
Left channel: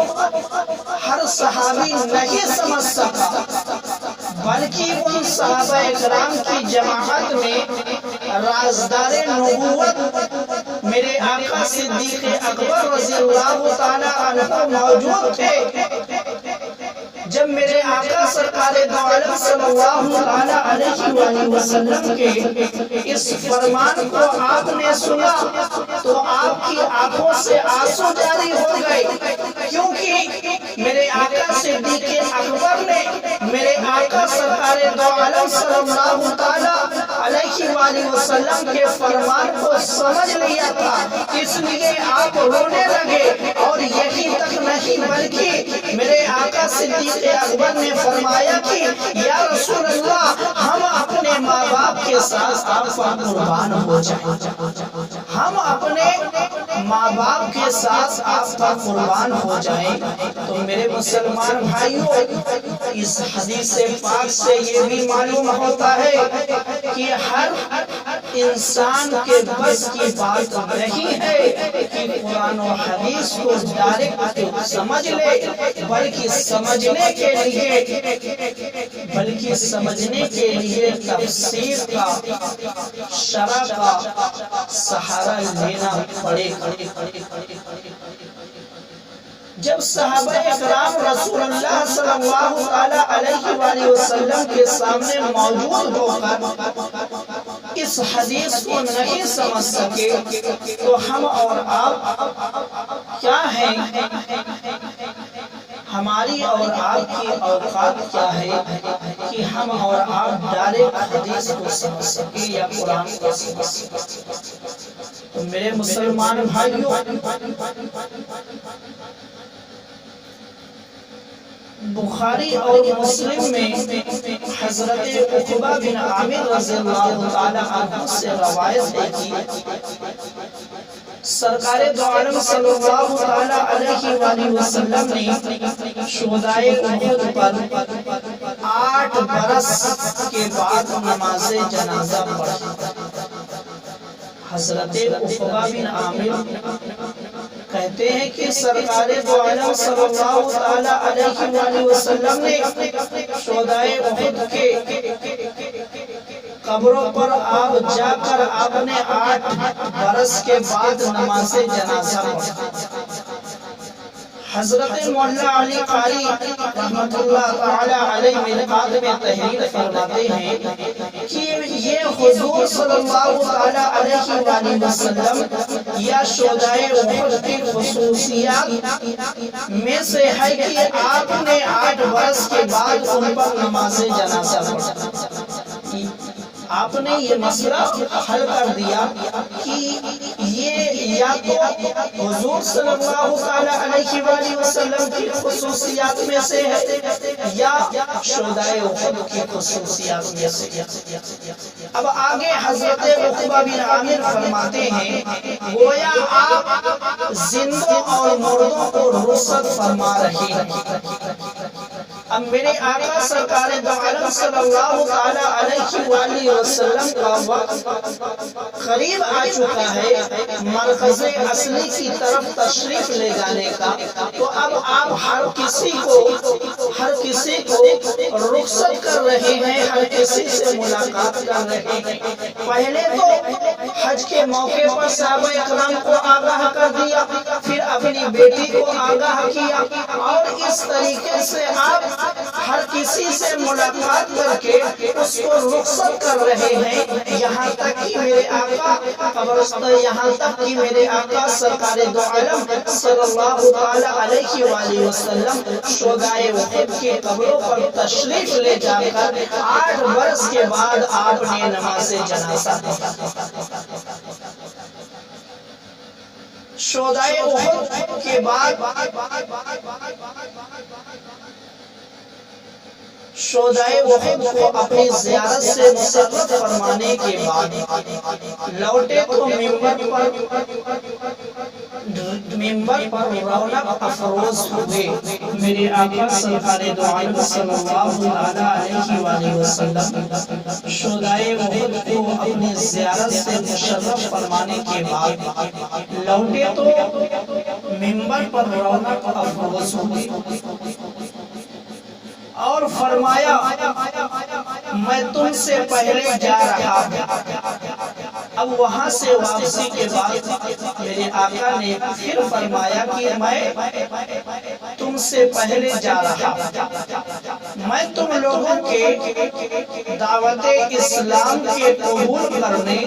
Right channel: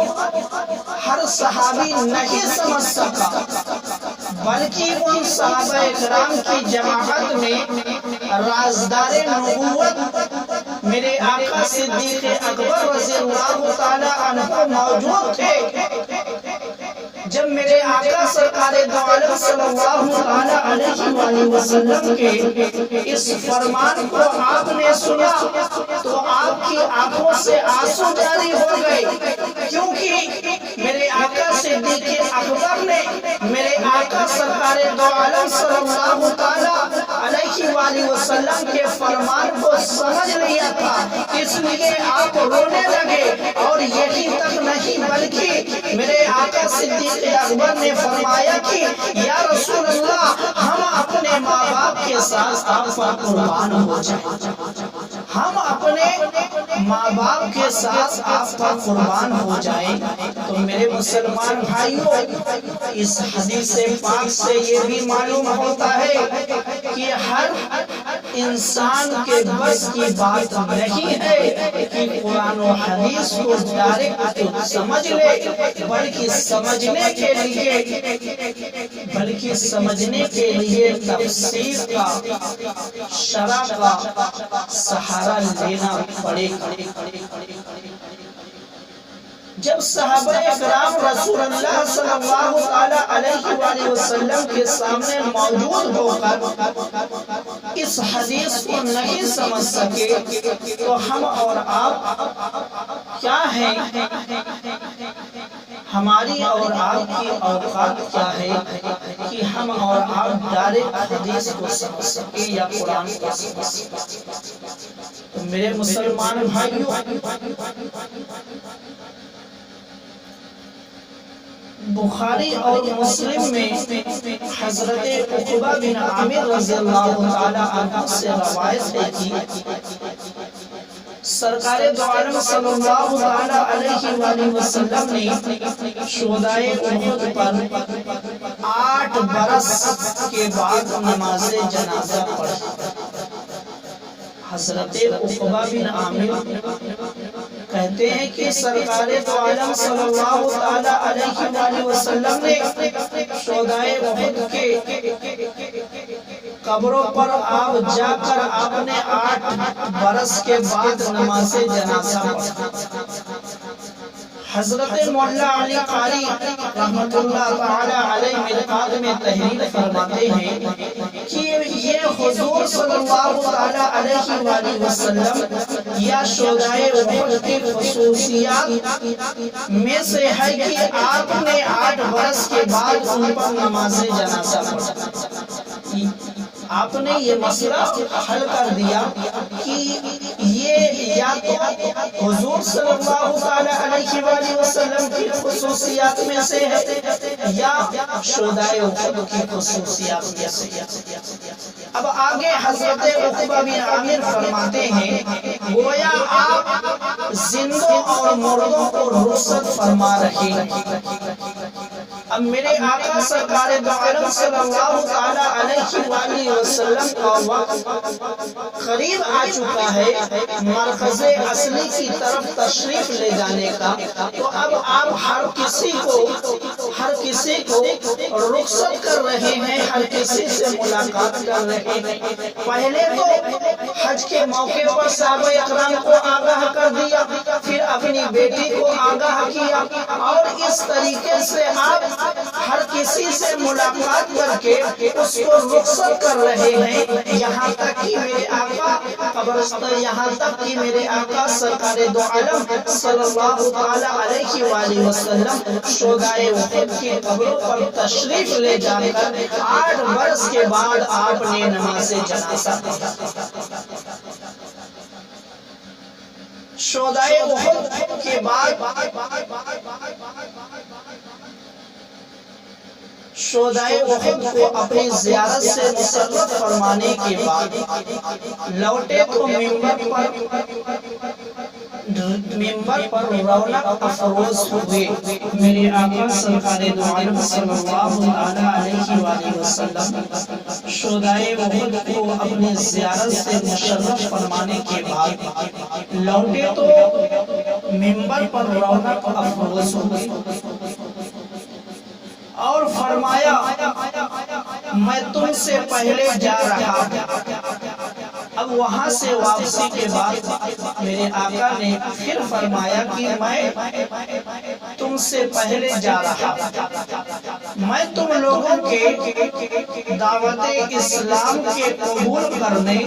ہر صحابی نہیں سمجھ سکا، بلکہ ان صحابہ اکرام کی جماعت میں رازدار نبوت میرے آقا صدیق اکبر رضی اللہ تعالی عنہ موجود تھے۔ جب میرے آقا سرکار دو عالم صلی اللہ علیہ وآلہ وسلم کے اس فرمان کو آپ نے سنا تو آپ کی آنکھوں سے آنسو جاری ہو گئے، کیونکہ میرے آقا صدیق اکبر نے میرے آقا سرکار دو عالم صلی اللہ تعالی علیہ وآلہ وسلم کے فرمان کو سمجھ لیا تھا، اس لیے آپ رونے لگے، اور یہی تک نہیں بلکہ میرے آقا صدیق اکبر نے فرمایا کہ یا رسول اللہ، ہم اپنے ماں باپ کے ساتھ آپ پر قربان ہو جائیں، ہم اپنے ماں باپ کے ساتھ آپ پر قربان ہو جائیں۔ تو میرے مسلمان بھائیوں، اس حدیث پاک سے یہ بھی معلوم ہوتا ہے کہ ہر انسان کے بس کی بات نہیں ہے کہ قرآن و حدیث کو ڈائریکٹ سمجھ لے، بلکہ سمجھنے کے لیے تفسیر کا، شرح کا سہارا لینا پڑے گا۔ جب صحابہ اکرام رسول اللہ صلی اللہ تعالی علیہ وآلہ وسلم کے سامنے موجود ہو کر اس حدیث کو نہیں سمجھ سکے تو ہم اور آپ کیا ہیں، ہماری اور آپ کی اوقات کیا ہے کہ ہم اور آپ ڈائریکٹ حدیث کو سمجھ سکیں یا قرآن کو سمجھ سکیں۔ تو میرے مسلمان بھائیوں، بخاری اور مسلم میں حضرت عقبہ بن عامر رضی اللہ تعالی عنہ سے روایت ہے کہ سرکار دو عالم صلی اللہ تعالی علیہ وآلہ وسلم نے شہدائے احد پر 8 برس کے بعد نماز جنازہ پڑھی۔ حضرت عقبہ بن عامر کہتے ہیں کہ سرکار دو عالم صلی اللہ تعالی علیہ وآلہ وسلم نے شہدائے احد کے قبروں پر آپ جا کر آپ نے 8 برس کے بعد نماز جنازہ پڑھا۔ حضرت مولا علی قاری رحمت اللہ تعالی علیہ ملقات میں تحریر فرماتے ہیں کہ یہ حضور صلی اللہ تعالی علیہ وآلہ وسلم یا شہدائے احد کی خصوصیات میں سے ہے کہ آپ نے 8 برس کے بعد ان پر نماز جنازہ پڑھا۔ آپ نے یہ مسئلہ حل کر دیا کہ یہ یا تو حضور صلی اللہ تعالی علیہ وآلہ وسلم کی خصوصیات میں سے ہے یا شہدائے احد کی خصوصیات میں سے۔ اب آگے حضرت عقبہ بن عامر فرماتے ہیں گویا آپ زندوں اور مردوں کو رخصت فرما رہے ہیں۔ اب میرے آقا سرکار دو عالم صلی اللہ تعالی علیہ وآلہ وسلم کا وقت قریب آ چکا ہے مرکز اصلی کی طرف تشریف لے جانے کا، تو اب آپ ہر کسی کو رخصت کر رہے ہیں، ہر کسی سے ملاقات کر رہے ہیں۔ پہلے تو حج کے موقع پر صحابہ اکرام کو آگاہ کر دیا، پھر اپنی بیٹی کو آگاہ کیا، اور اس طریقے سے آپ ہر کسی سے ملاقات کر کے اس کو رخصت کر رہے ہیں، یہاں تک کہ میرے آقا قبرستان، یہاں تک کہ میرے آقا سرکار دو عالم صلی اللہ تعالی علیہ وآلہ وسلم شہدائے احد کے قبروں پر تشریف لے جا کر 8 برس کے بعد آپ نے نماز جنازہ پڑھا۔ شہدائے احد کے بعد شہدائے احد کو اپنی زیارت سے مسرت فرمانے کے بعد لوٹے تو ممبر پر رونق افروز ہوئے۔ میرے آقا سرکار دو عالم صلی اللہ علیہ وآلہ وسلم شہدائے احد کو اپنی زیارت سے مشرف فرمانے کے بعد لوٹے تو ممبر پر رونق افروز ہوئے اور فرمایا میں تم سے پہلے جا رہا ہوں۔ اب وہاں سے واپسی کے بعد میرے آقا نے پھر فرمایا کہ میں تم سے پہلے جا رہا ہوں، میں تم لوگوں کے دعوت اسلام کے قبول کرنے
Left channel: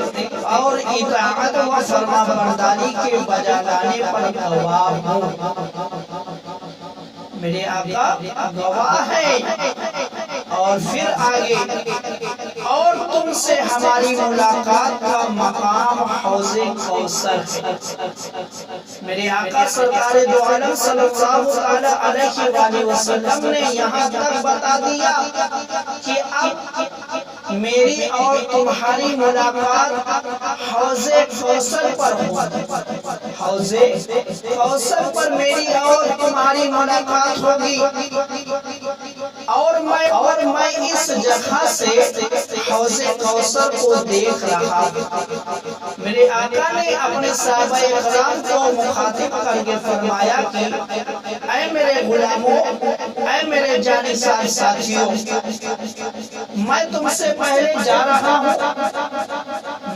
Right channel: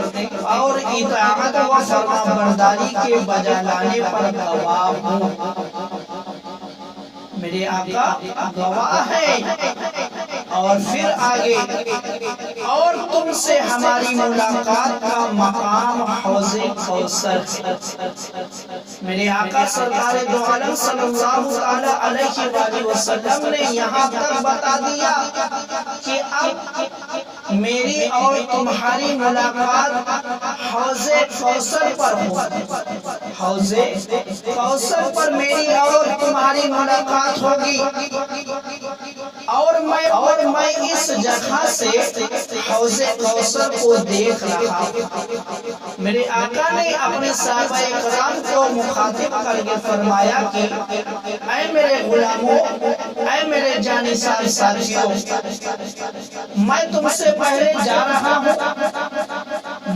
اور اطاعت و فرما برداری کے بجا لانے پر گواہ ہوں۔ میرے آقا گواہ ہے۔ اور پھر آگے اور تم سے ہماری ملاقات کا مقام حوض کوثر ہے۔ میرے آقا سرکار دو عالم صلی اللہ تعالی علیہ وآلہ وسلم نے یہاں تک بتا دیا کہ اب میری اور تمہاری ملاقات حوض کوثر پر ہوگی۔ حوض کوثر پر میری اور تمہاری ملاقات ہوگی، اور میں اس جگہ سے حوض کوثر کو دیکھ رہا ہوں۔ میرے آقا نے اپنے صحابہ اکرام کو مخاطب کر کے فرمایا کہ اے میرے غلاموں، اے میرے جانثار ساتھیوں، میں تم سے پہلے جا رہا ہوں،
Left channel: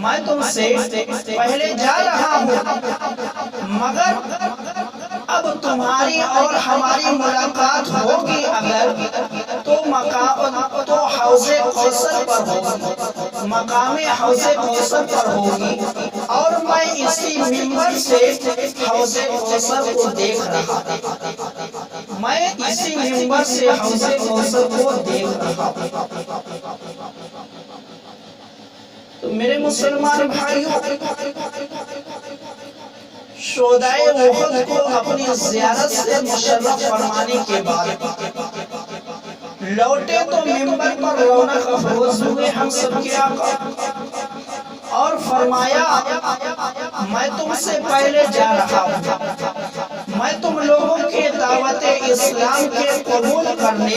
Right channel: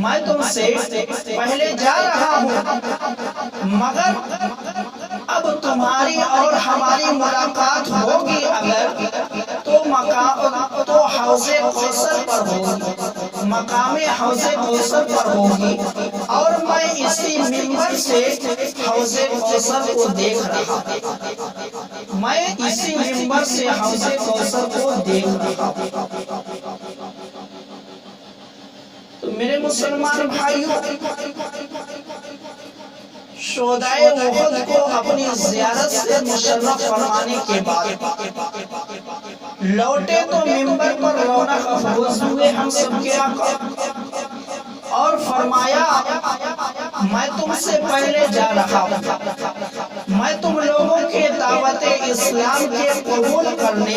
میں تم سے پہلے جا رہا ہوں، مگر اب تمہاری اور ہماری ملاقات ہوگی اگر تو حوض کوثر پر ہوگی، مقام حوض کوثر پر ہوگی، اور میں اسی منبر سے حوض کوثر کو دیکھ رہا ہوں۔ میں اسی منبر سے حوض کوثر کو دیکھ رہا ہوں۔ تو میرے مسلمان بھائیوں، شہدائے احد کو اپنی زیارت سے مشرف فرمانے کے بعد لوٹے تو منبر پر رونق افروز ہوئے ہم سب کے آقا، اور فرمایا میں تم سے پہلے جا رہا ہوں، میں تم لوگوں کے دعوت اسلام کے قبول کرنے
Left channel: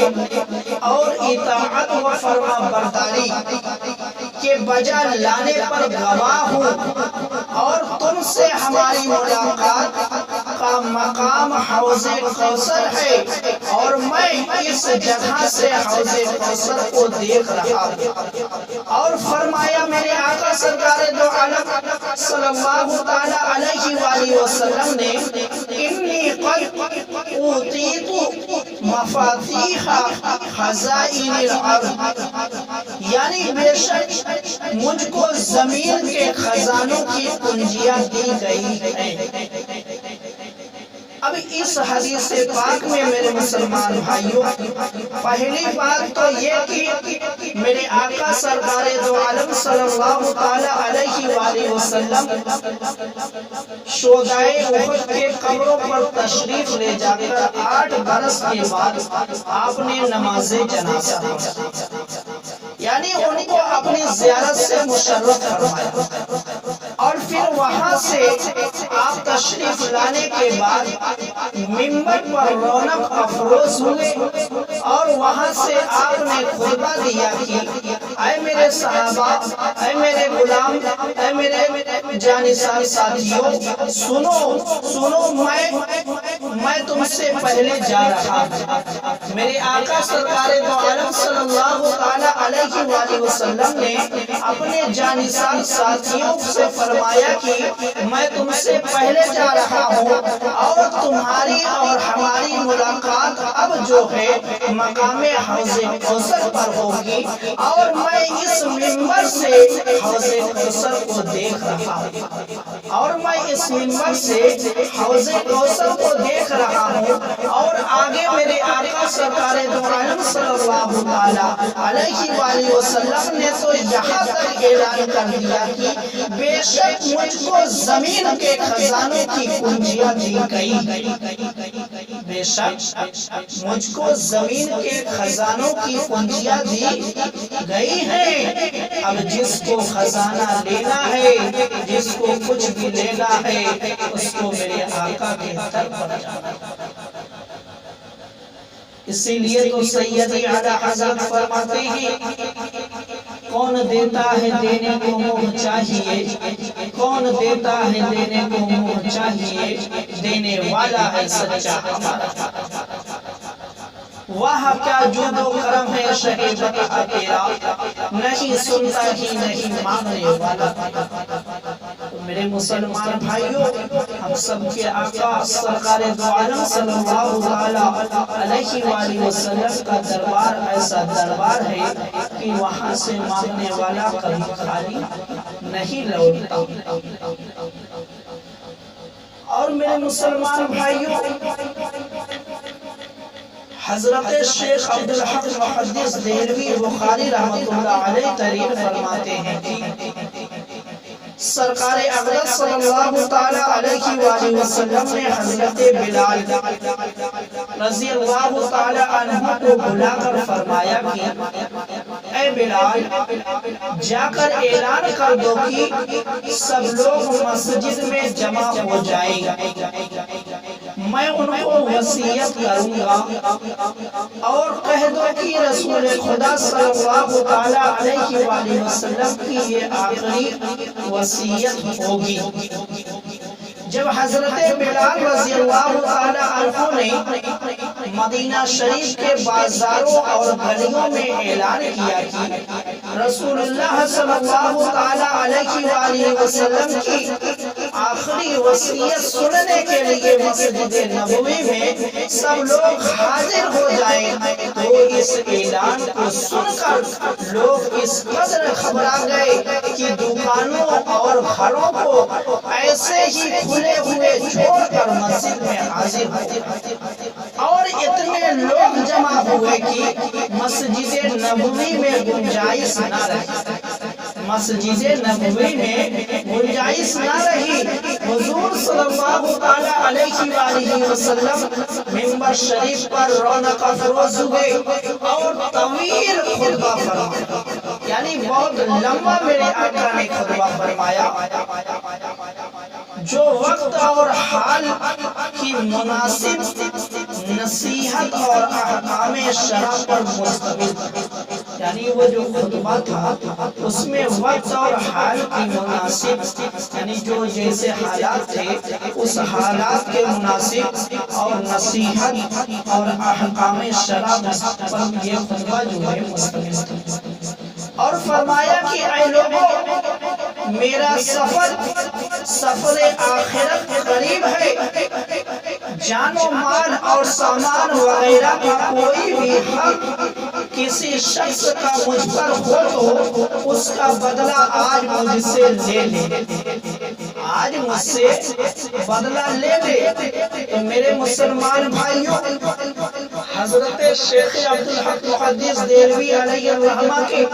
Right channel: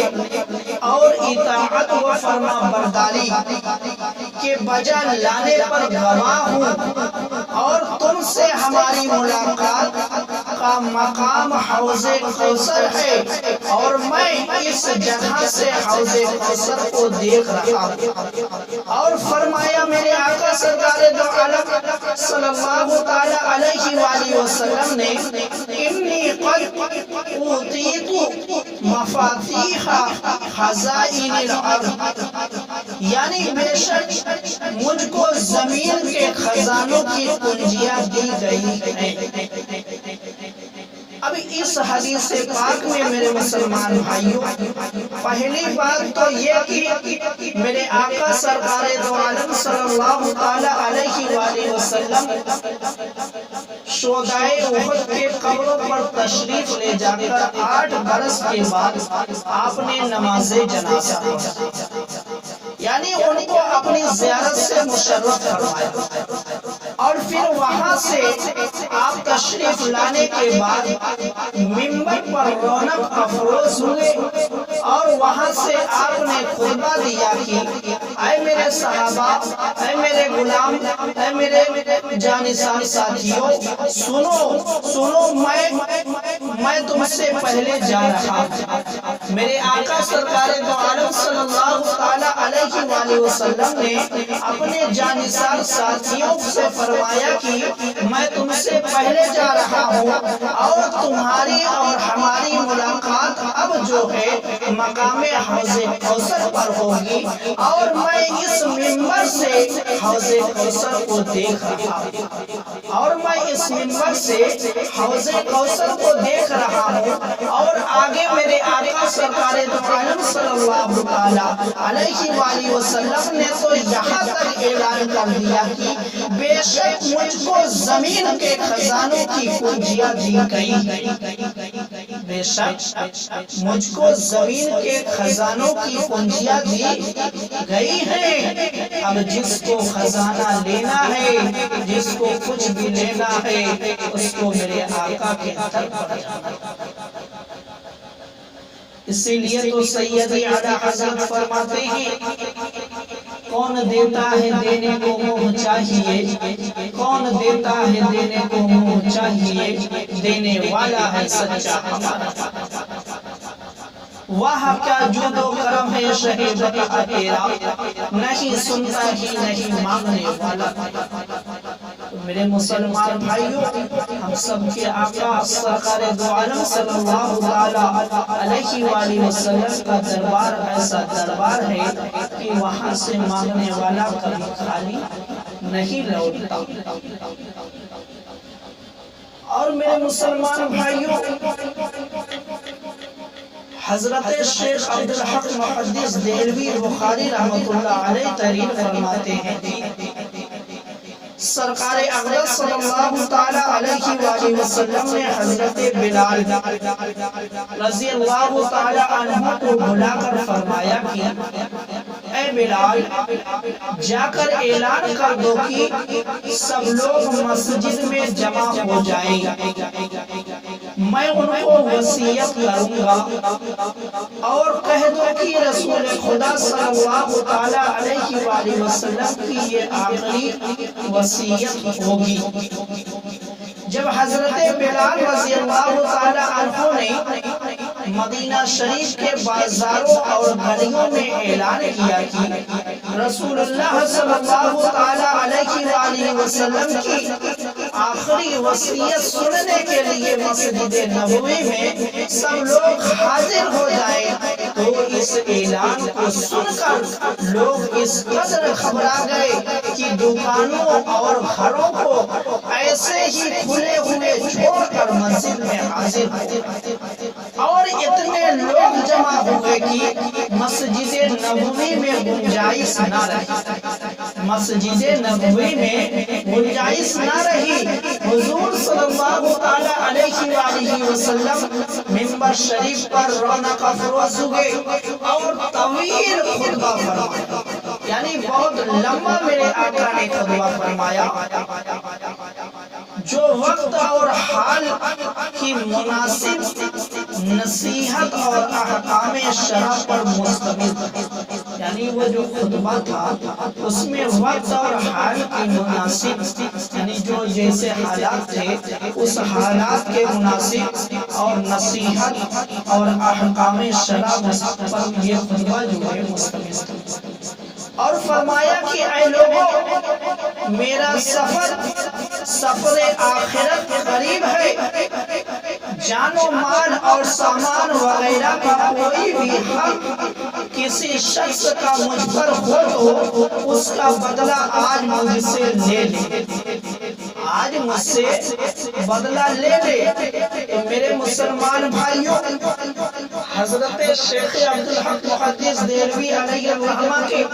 اور اطاعت و فرما برداری کے بجا لانے پر گواہ ہوں، اور تم سے ہماری ملاقات کا مقام حوض کوثر ہے، اور میں اس جگہ سے حوض کوثر کو دیکھ رہا ہوں۔ اور فرمایا میرے آقا سرکار دو عالم صلی اللہ تعالی علیہ وآلہ وسلم نے انی قد اوتیت مفاتیح خزائن الارض، یعنی بے شک مجھ کو زمین کے خزانوں کی کنجیاں دی گئی ہیں۔ اب اس حدیث پاک میں میرے مسلمان بھائیوں، پہلی بات تو یہ کہ میرے آقا سرکار دو عالم صلی اللہ تعالی علیہ وآلہ وسلم شہدائے احد کے قبروں پر تشریف لے جا کر 8 برس کے بعد آپ نے نماز جنازہ پڑھا، یعنی ان کو اپنی زیارت سے مشرف فرمایا، اور پھر وہاں سے آپ تشریف لانے کے بعد منبر پر رونق افروز ہوئے، اور وہاں سے آپ نے خطبہ دیا کہ اے میرے صحابہ، اے میرے غلام، اے میرے جانثار ساتھیوں، سنو میں تم سے پہلے جا رہا ہوں۔ میرے آقا سرکار دو عالم صلی اللہ تعالی علیہ وآلہ وسلم نے اپنے جانثار ساتھیوں سے فرمایا کہ میں تم سے پہلے جا رہا ہوں، اور تمہاری اور ہماری ملاقات اب جو ہے مقام حوض کوثر پر ہوگی، اور میں اس منبر سے حوض کوثر کو دیکھ رہا ہوں، اور میں اس منبر سے حوض کوثر کو دیکھ رہا ہوں، اور آگے میرے آقا سرکار دو عالم صلی اللہ تعالی علیہ وآلہ وسلم نے تو یہاں تک اعلان کر دیا کہ بے شک مجھ کو زمین کے خزانوں کی کنجیاں دی گئی، بے شک مجھ کو زمین کے خزانوں کی کنجیاں دی گئی ہیں۔ اب جس کو خزانہ لینا ہے، جس کو کچھ بھی لینا ہے، اس کو میرے آقا کے در پر جانا۔ اسی لیے تو سیدی اعلیٰ حضرت فرماتے ہیں کون دیتا ہے دینے کو منہ چاہیے، کون دیتا ہے دینے کو منہ چاہیے، دینے والا ہے سچا ہمارا۔ واہ کیا جود و کرم ہے شہ بتا تیرا، نہیں سنتا ہی نہیں مانگنے والا۔ میرے مسلمان بھائیوں، ہم سب کے آقا سرکار دو عالم صلی اللہ تعالی علیہ وآلہ وسلم کا دربار ایسا دربار ہے کہ وہاں سے مانگنے والا کبھی خالی نہیں لوٹتا۔ اور میرے مسلمان بھائیوں، حضرت شیخ عبدالحق محدث دہلوی بخاری رحمت اللہ علیہ تحریر فرماتے ہیں سرکار اقدس صلی اللہ تعالی علیہ وآلہ وسلم نے حضرت بلال رضی اللہ تعالی عنہ کو بلا کر فرمایا کہ اے بلال، جا کر اعلان کر دو کہ سب لوگ مسجد میں جمع ہو جائیں، میں ان کو وصیت کروں گا، اور کہہ دو کہ رسول خدا صلی اللہ تعالی علیہ وآلہ وسلم کی یہ آخری وصیت ہوگی۔ جب حضرت بلال رضی اللہ تعالی عنہ نے مدینہ شریف کے بازاروں اور گلیوں میں اعلان کیا کہ رسول اللہ صلی اللہ تعالی علیہ وآلہ وسلم کی آخری وصیت سننے کے لیے مسجد نبوی میں سب لوگ حاضر ہو جائیں، تو اس اعلان کو سن کر لوگ اس قدر گھبرا گئے کہ دکانوں اور گھروں کو ایسے ہی کھلے ہوئے چھوڑ کر مسجد میں حاضر ہوئے، اور اتنے لوگ جمع ہوئے کہ مسجد نبوی میں گنجائش نہ رہی، مسجد نبوی میں گنجائش نہ رہی۔ حضور صلی اللہ تعالی علیہ وآلہ وسلم منبر شریف پر رونق افروز ہوئے اور طویل خطبہ فرمایا، یعنی بہت لمبا میرے آقا نے خطبہ فرمایا، جو وقت اور حال کی مناسب نصیحت اور احکام شرع پر مشتمل، یعنی وہ جو خطبہ تھا اس میں وقت اور حال کی مناسب، یعنی جو جیسے حالات تھے اس حالات کے مناسب اور نصیحت اور احکام شرع پر یہ خطبہ جو ہے مشتمل تھا۔ اور فرمایا کہ اے لوگوں، میرا سفر آخرت قریب ہے، جان و مال اور سامان وغیرہ کا کوئی بھی حق کسی شخص کا مجھ پر ہو تو اس کا بدلہ آج مجھ سے لے لے، آج مجھ سے بدلہ لے لے۔ تو میرے مسلمان بھائیوں، حضرت شیخ عبدالحق محدث دہلوی علیہ الرحمہ کے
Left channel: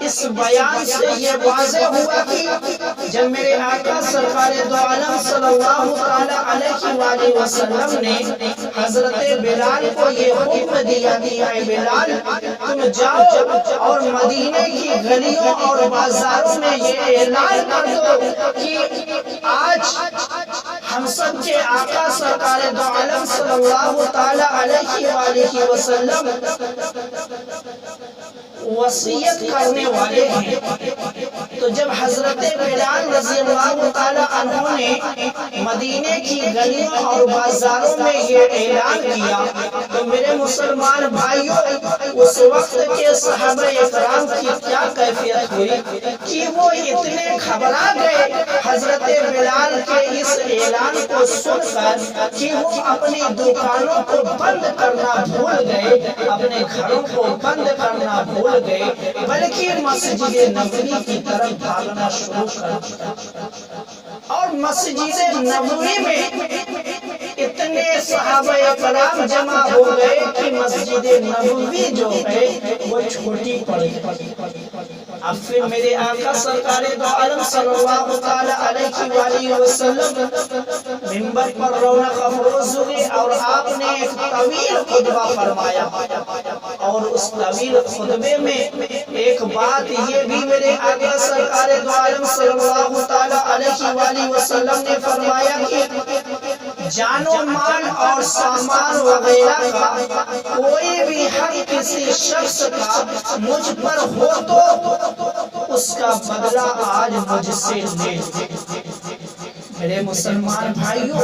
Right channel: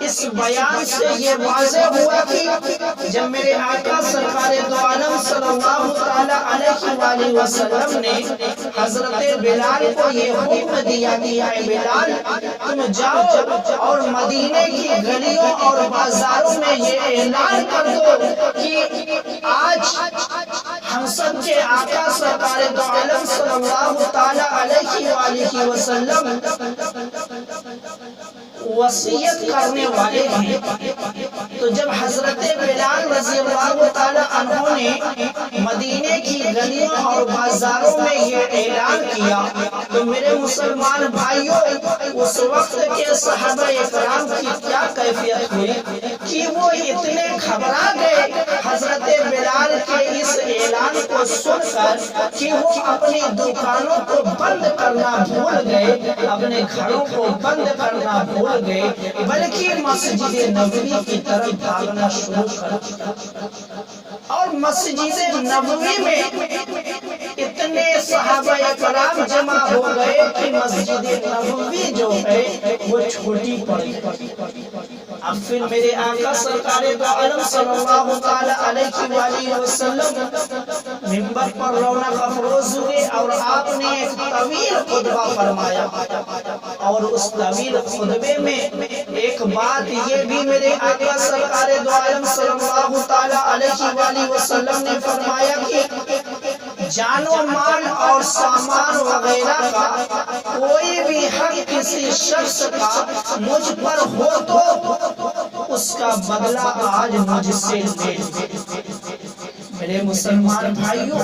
اس بیان سے یہ واضح ہوا کہ جب میرے آقا سرکار دو عالم صلی اللہ تعالی علیہ وآلہ وسلم نے حضرت بلال کو یہ حکم دیا کہ اے بلال، تم جاؤ اور مدینے کی گلیوں اور بازاروں میں یہ اعلان کر دو کہ آج ہم سب کے آقا سرکار دو عالم صلی اللہ تعالی علیہ وآلہ وسلم وصیت کرنے والے ہیں۔ تو جب حضرت بلال رضی اللہ تعالی عنہ نے مدینے کی گلیوں اور بازاروں میں یہ اعلان کیا تو میرے مسلمان بھائیوں، اس وقت کے صحابہ اکرام کی کیا کیفیت ہوئی کہ وہ اتنے گھبرا گئے حضرت بلال کے اس اعلان کو سن کر کہ وہ اپنی دکانوں کو بند کرنا بھول گئے، اپنے گھروں کو بند کرنا بھول گئے، بلکہ مسجد نبوی کی طرف بھاگنا شروع کر دیا۔ اور مسجد نبوی میں اتنے صحابہ کرام جمع ہو گئے کہ مسجد نبوی جو ہے وہ چھوٹی پڑ گئی۔ اب پھر میرے آقا سرکار دو عالم صلی اللہ تعالی علیہ وآلہ وسلم منبر پر رونق افروز ہوئے اور آپ نے ایک طویل خطبہ فرمایا، اور اس طویل خطبے میں ایک بات یہ بھی میرے آقا سرکار دو عالم صلی اللہ تعالی علیہ وآلہ وسلم نے فرمایا کہ جان و مال اور سامان وغیرہ کا کوئی بھی حق کسی شخص کا مجھ پر ہو تو اس کا بدلہ آج مجھ سے لے لے۔ میرے مسلمان بھائیوں،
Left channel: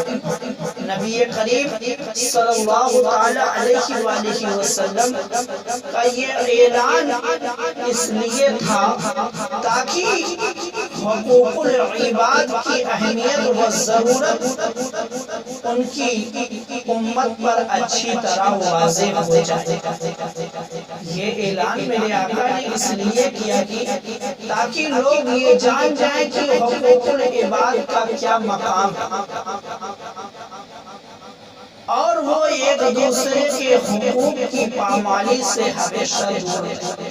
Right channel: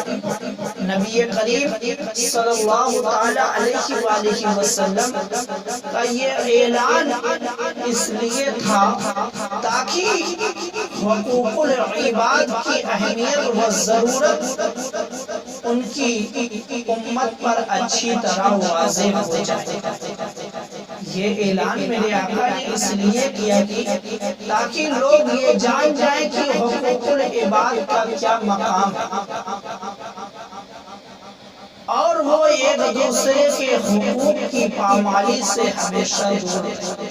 نبی کریم صلی اللہ تعالی علیہ وآلہ وسلم کا یہ اعلان اس لیے تھا تاکہ حقوق العباد کی اہمیت و ضرورت ان کی امت پر اچھی طرح واضح ہو جائے۔ یہ اعلان میرے آقا نے اس لیے کیا کہ تاکہ لوگ یہ جان جائیں کہ حقوق العباد کا کیا مقام ہے، اور وہ ایک دوسرے کے حقوق کی پامالی سے ہمیشہ دور رہے۔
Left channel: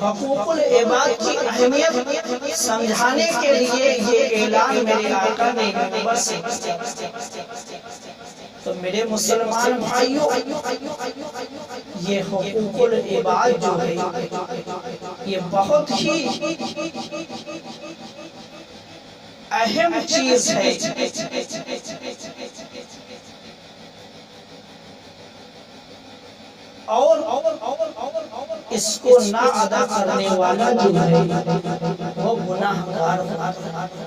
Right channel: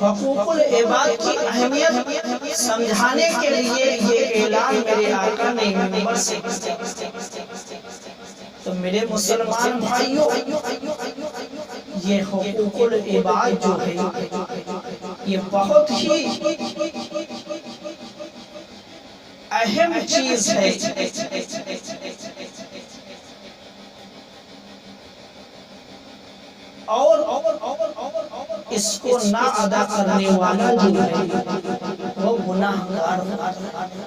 حقوق العباد کی اہمیت سمجھانے کے لیے یہ اعلان میرے آقا نے منبر سے کیا۔ تو میرے مسلمان بھائیوں، یہ حقوق العباد جو ہے یہ بہت ہی اہم چیز ہے۔ اور اس کو نہ ادا کرنے والا جو ہے وہ گناہگار ہوتا ہے۔